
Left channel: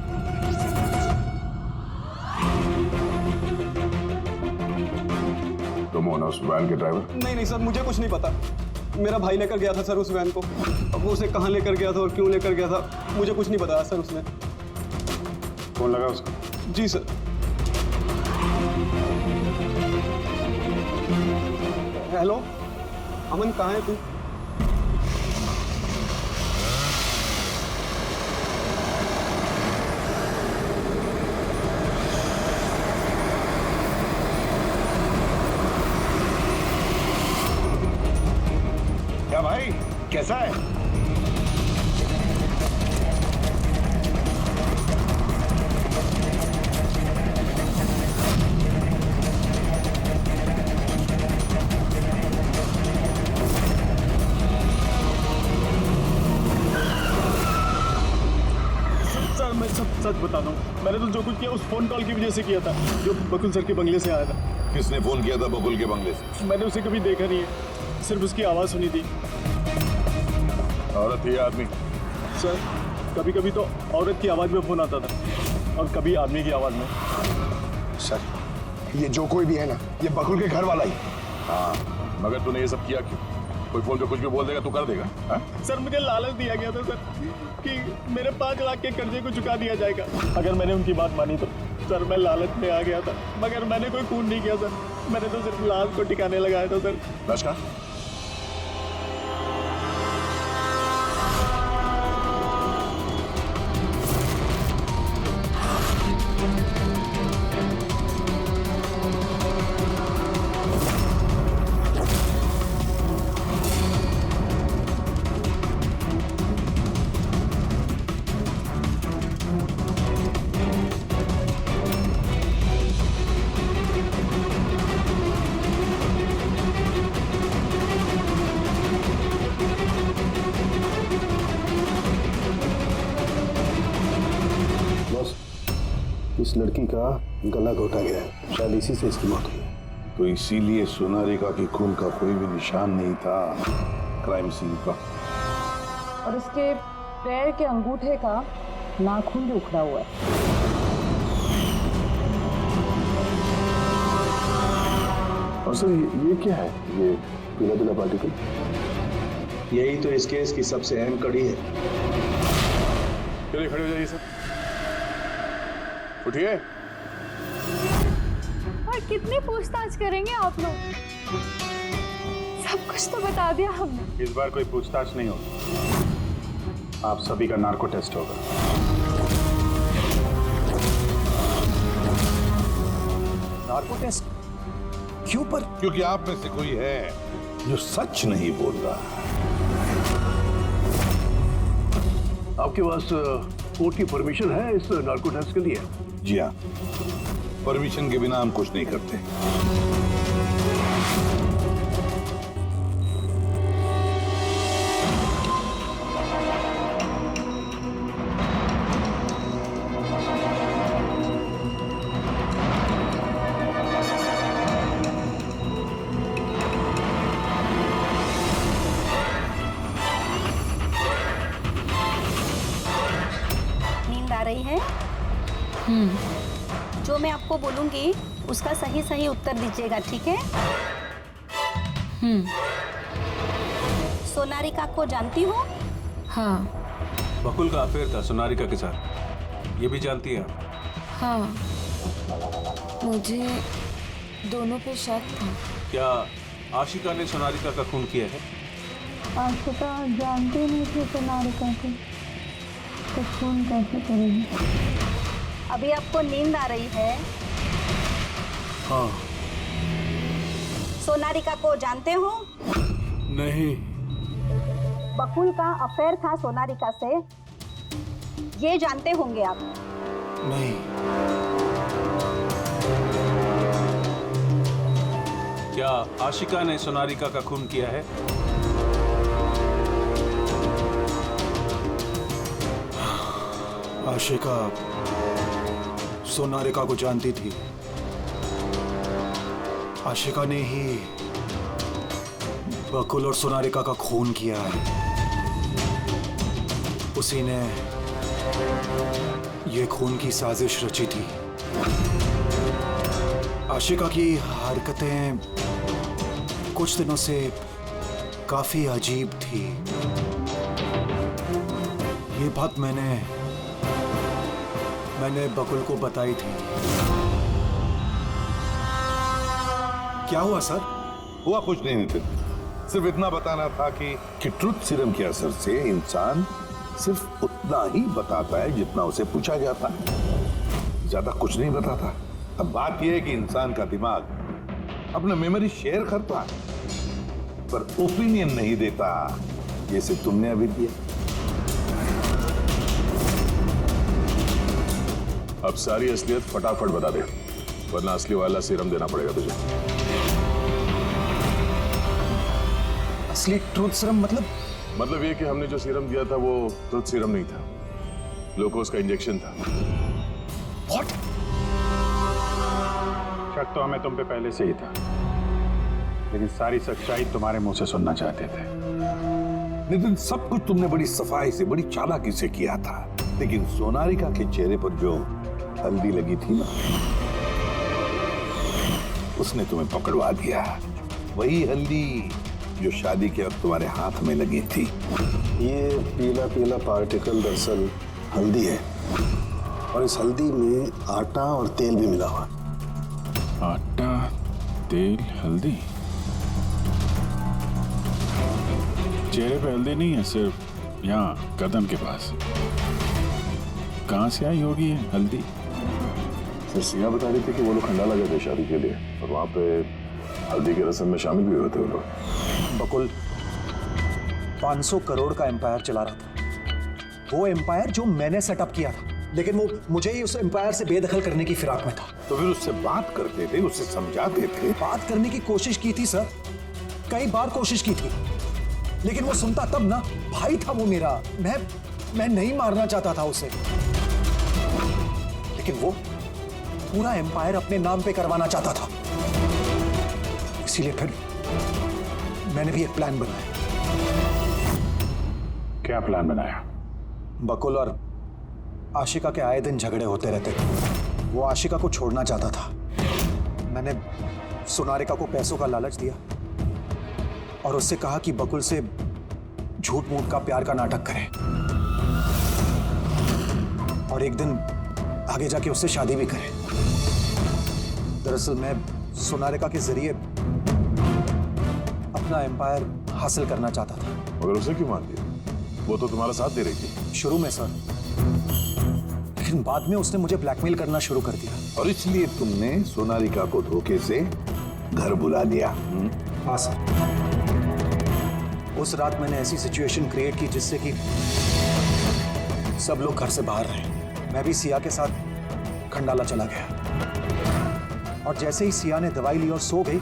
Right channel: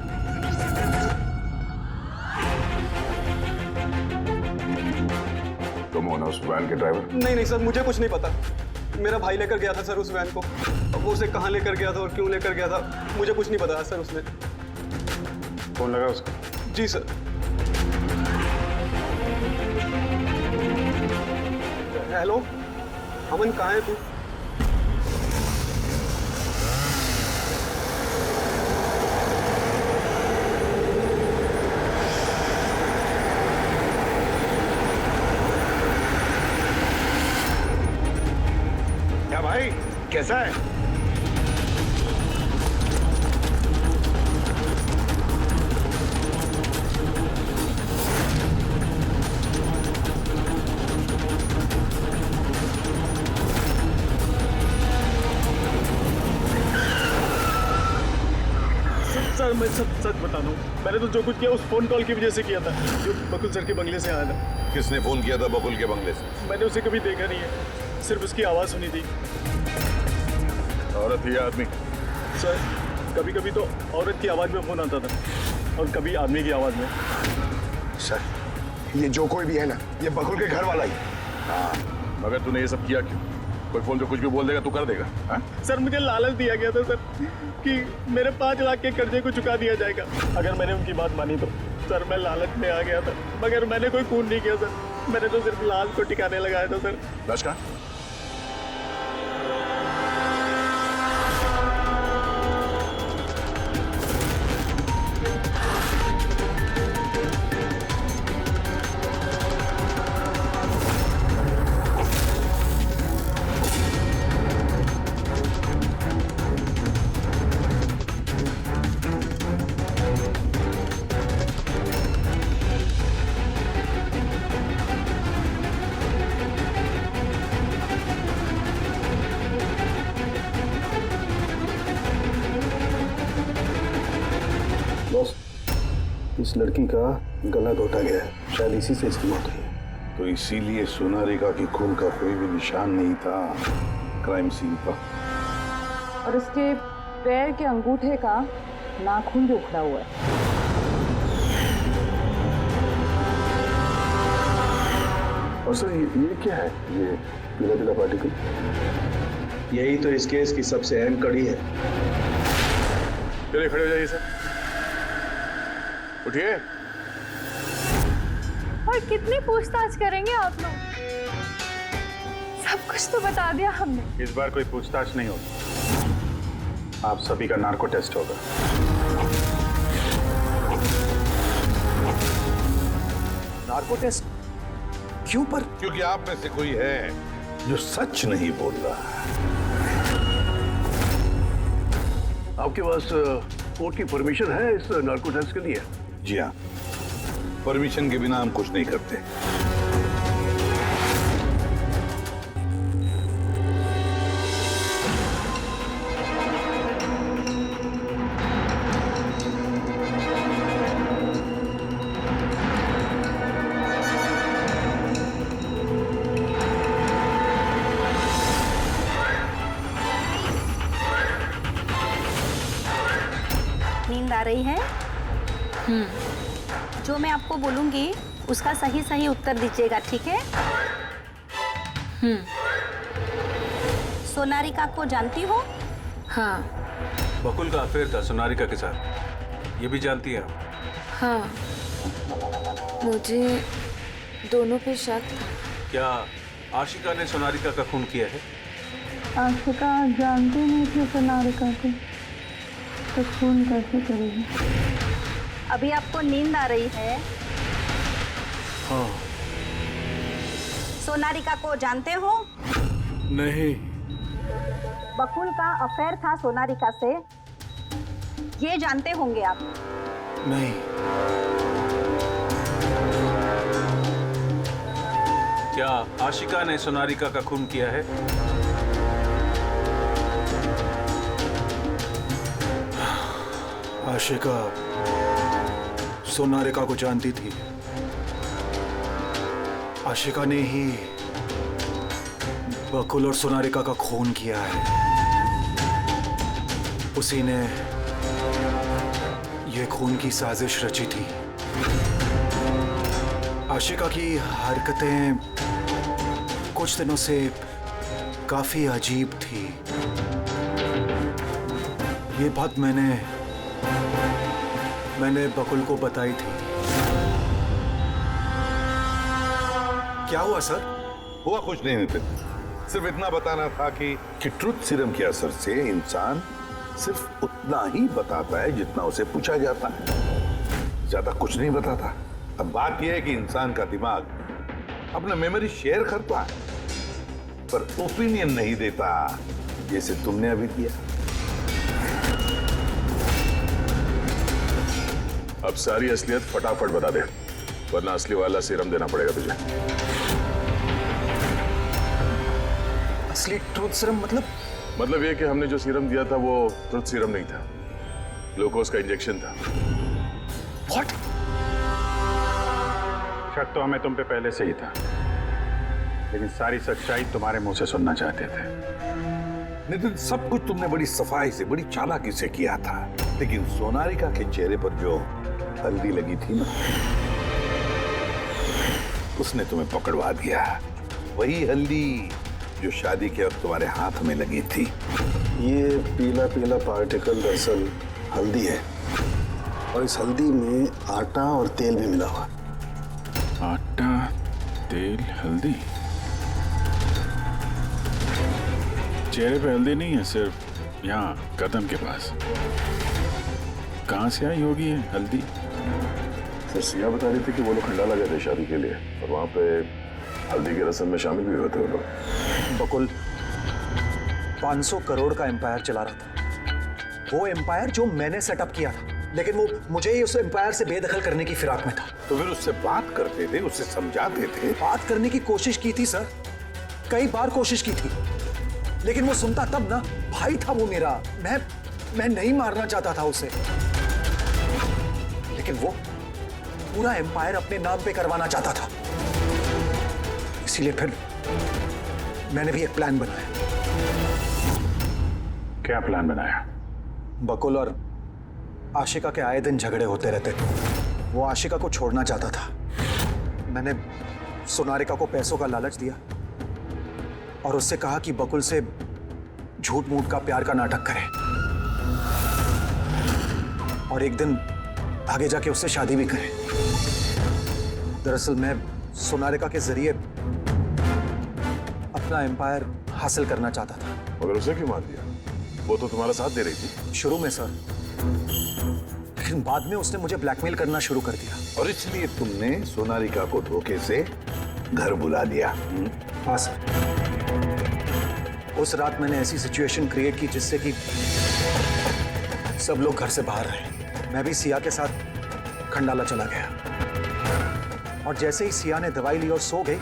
तुम हो ना उस वैन के ड्राइवर? नहीं सर, मुझे कुछ नहीं पता। मेरा भाई लेकर गया था सर उस वैन को। अब वो उसे कहाँ लेकर गया था और क्यों लेकर गया था मुझे कुछ नहीं बताया सर उसने। फोन लगा उसको? जी सर। हेलो अमन, कहाँ है तू? क्या भाई, कैसा है? सर मैं सब सच बताता हूँ, मैंने तो जो कुछ किया उस फोन कॉल की वजह से किया था जो बकुल सर के बंगले से आया था। किसने फोन किया था बकुल के बंगले से? मैंने उसे कभी देखा नहीं है, सिर्फ उसकी आवाज़ सुनी थी। औरत ही आदमी? सर कभी कभी तो औरत की आवाज़ में फ़ोन आता था और कभी आदमी की आवाज़ में। सर ये जो कोई भी है ना, ये बकुल के घर वाला ही। हाँ, मगर तूने ये सब किया क्यों? कोई फोन पे कुछ भी बोल देगा तू कर देगा? हाँ? सर मुझे लालच दिया गया था सर कि मेरे 5 लाख के कर्जे को चुका दिया जाएगा अगर मैंने उनकी बात मानी तो। सर मैं लालच में आ गया था, मगर मैंने कोई खून नहीं किया सर, मैंने तो सिर्फ लाश को टिकाने लगाया था सर। लाश कहाँ? बॉस, इस लड़की का गला घोटा गया है, शायद इसी से इसकी मौत हुई है। तो इसीलिए सोनारिका की खून का कोई भी निशान नहीं था क्राइम सीन पर। और उसके पैर के अंगूठे का नाखून भी उखड़ा हुआ है। और सर ये क्या है, ये पीला पीला पार्टिकल? यही तो इस केस की सबसे अहम कड़ी है। चलिए खड़े हो जाइए सर, उठिए। और कितनी पूछताछ करेंगे आप लोग? सब कुछ तो बता दिया हमने। इस बार कोई पूछताछ नहीं होगी, आप सभी का नार्को टेस्ट होगा। नार्को टेस्ट क्यों पर? क्योंकि आप में से कोई है जो सच नहीं बोल रहा है। आपके पास कोर्ट की परमिशन है इस नार्को टेस्ट के लिए? जी हाँ, परमिशन के बिना हम कुछ नहीं करते। नींद आ रही है? जो मैं आपको बोलूंगी उसका सही सही उत्तर दीजिएगा, ठीक है? सोनारिका को जानती हो? हाँ। बकुल का अफेयर था सोनारिका के साथ, ये भी जानती है आप? हाँ, मुझे दोनों पे शक था। क्या आशिका ने सोनारिका का खून किया है? आशिका जानती नहीं थी सोनारिका को, तो खून कैसे करेगी? अभी आपको नींद आ रही है? हाँ। सोनारिका को जानते हो? नहीं। बकुल का अफेयर था सोनारिका से, ये जानते होंगे आप? नहीं। क्या आशिका ने सोनारिका का खून किया है? आशिका सोनारिका को जानती थी। आशिका ने ही बकुल और सोनारिका का खून किया है। उसी ने ये खून की साजिश रची थी। आशिका की हरकतें कुछ दिनों से काफी अजीब थी। ये बात मैंने बकुल को बताई थी। क्या हुआ सर? हुआ कुछ नहीं नितिन, सिर्फ इतना बताना था कि ट्रुथ सीरम के असर से इंसान सिर्फ उतना ही बताता है जितना उसे पूछा जाता है, ज्यादा कुछ नहीं बताता। अब बात यह है कि इंसान का दिमाग अपना मेमोरी शेयर करता है पर ओपिनियन नहीं देता, जैसे तुमने अभी दिया। अब सारी असलियत फटाफट बता दे, वरना असली वाला सीरम देना पड़ेगा तुझे। असली ट्रूथ सीरम मतलब? मतलब ये कि हमने जो सीरम दिया था वो ट्रुथ सीरम नहीं था। ग्लूकोज का इंजेक्शन था। व्हाट? शक तो हमें तुम पे पहले से ही था, लेकिन सारी सच्चाई तुम्हारे मुंह से सुनना चाहते थे। नितिन, सब कुछ तुमने बड़ी सफाई से, बड़ी चालाकी से किया था, लेकिन सोनारिका के चेहरे पर जो हल्दी लगी थी ना, उसने तुम्हें पकड़वा दिया। वही हल्दी जो शादी के वक्त तुम्हारे हाथ में लगी थी। ये पीला पीला पार्टिकल दरअसल हल्दी है, और इस हल्दी में आटा और तेल भी मिला हुआ। आटा, तेल, हल्दी। चेहरे पे हल्दी नहीं है, सिर्फ यहाँ कदम के पास। कहाँ से आई होगी ये हल्दी? सर, सिया बता रही थी कि वो लोग खंडाला गए थे शादी के लिए, और वहां पे हल्दी की रस्म में शामिल भी हुए थे वो लोग। बकुल 500 करोड़ का एम्पायर चला रहा था, वो एम्पायर जो मैंने सेटअप किया था, लेकिन वो मुझे ही उस एम्पायर से बेदखल करने की फिराक में था। तो फिर उससे बात करते थे, उससे समझाते थे। बात करने की कोशिश की थी सर, कई बार कोशिश की थी, लेकिन वो सुनता तब ना। भाई था वो मेरा, मैं नहीं मारना चाहता था उसे, लेकिन वो पूरा एम्पायर अपने नाम पे करवाना चाहता था। इसीलिए फिर मैंने भी एक प्लान बनाया। क्या प्लान बनाया? बकुल और आशिका के आए दिन झगड़े होते रहते थे। वो आशिका को छोड़ना चाहता था। मैंने सोनारिका को पैसों का लालच दिया और उससे कहा कि बकुल से झूठ मूठ का प्यार का नाटक करे, और एक दिन आगे जाके उससे शादी भी करे। दरअसल मैं सोनारिका के जरिए अपना एम्पायर हासिल करना चाहता था। मगर उसे क्यों मान दिया? वो तो तुम्हारा साथ दे रही थी। शुरू में सर, लेकिन बाद में उसने मुझे ब्लैकमेल करना शुरू कर दिया। और इसलिए तुमने सोनारिका को धोखे से घर बुला लिया। हाँ सर, उस रात मैंने ऐसी सिचुएशन क्रिएट की जिससे कि सब लोग घर से बाहर रहे। मैं भी सिया के साथ खंडाला चला गया, और जैसे ही सिया ने दवाई ली और सो गई,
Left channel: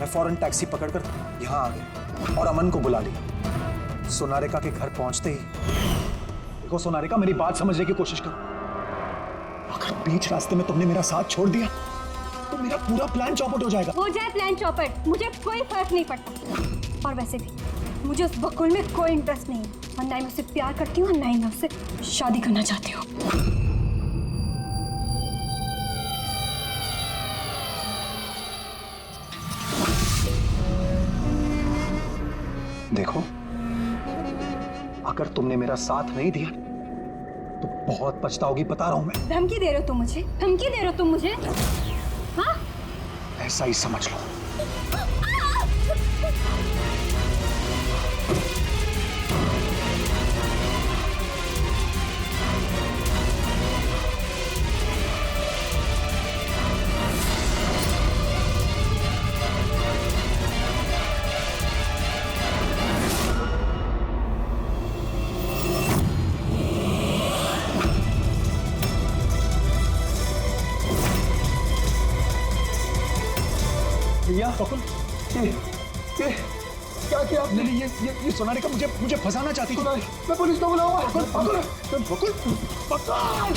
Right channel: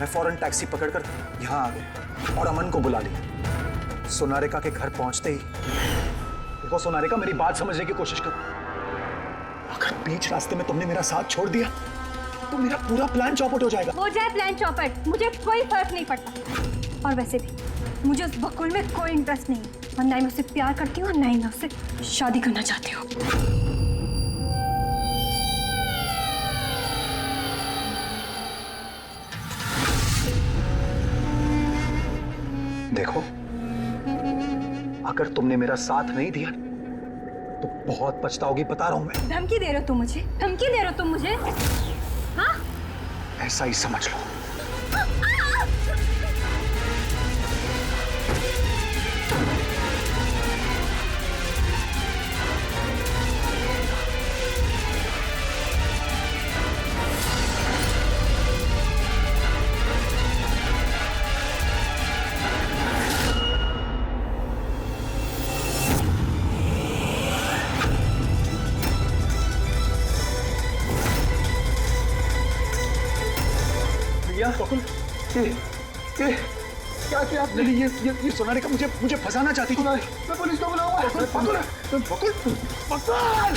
मैं फौरन टैक्सी पकड़कर यहां आ गया और अमन को बुला लिया। सोनारिका के घर पहुंचते ही, देखो सोनारिका, मेरी बात समझने की कोशिश करो। अगर बीच रास्ते में तुमने मेरा साथ छोड़ दिया तो मेरा पूरा प्लान चौपट हो जाएगा। हो जाए प्लान चौपट, मुझे कोई फर्क नहीं पड़ता। और वैसे भी मुझे उस बकुल में कोई इंटरेस्ट नहीं है, और ना ही मैं उससे प्यार करती हूँ और ना ही मैं उससे शादी करना चाहती हूँ। देखो, अगर तुमने मेरा साथ नहीं दिया तो बहुत पछताओगी, बता रहा हूं मैं। धमकी दे रहे हो तुम मुझे? धमकी दे रहे हो तुम मुझे? हाँ? ऐसा ही समझ लो। भैया बकुल, ये क्या किया आपने? ये सोनारिका मुझे फंसाना चाहती थी। मैं पुलिस को बुलाऊंगा। बकुल, बकुल, बकुल। बकुल!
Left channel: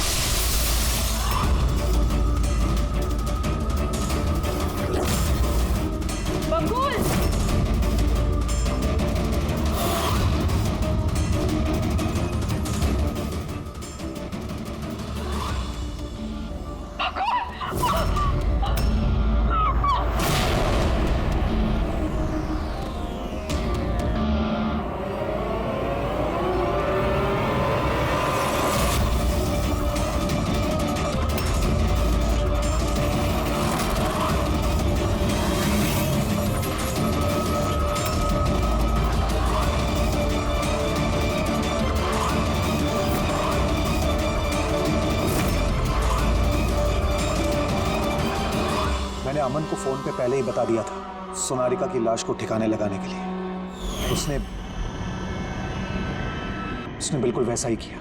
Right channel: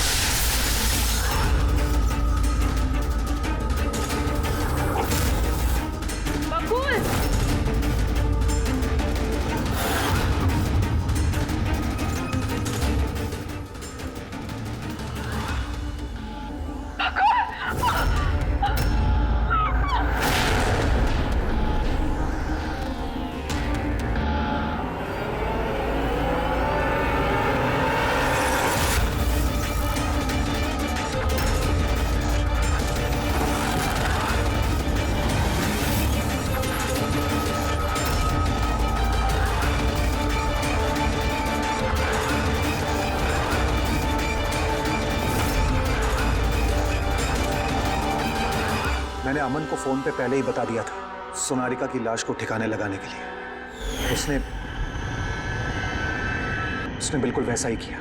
मैंने अमन को फोन पे पहले ही बता दिया था सोनारिका की लाश को ठिकाने लगाने के लिए। उसने बिल्कुल वैसा ही किया।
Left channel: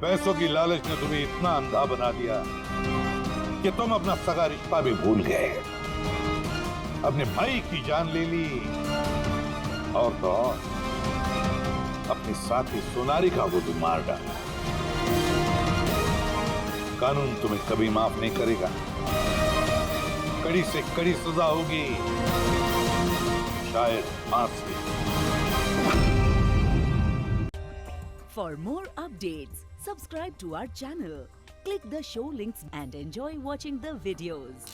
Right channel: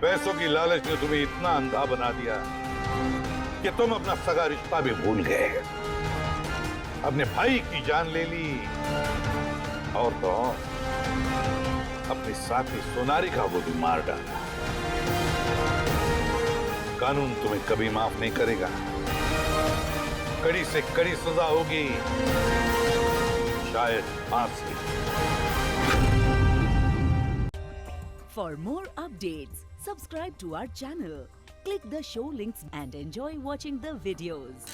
पैसों की लालच ने तुम्हें इतना अंधा बना दिया कि तुम अपना सगा रिश्ता भी भूल गए, अपने भाई की जान ले ली, और तो और अपनी साथी सोनारिका को भी मार डाला। कानून तुम्हें कभी माफ नहीं करेगा। कड़ी से कड़ी सजा होगी, शायद फांसी। For more updates, subscribe to our channel, click the show links and enjoy watching the videos.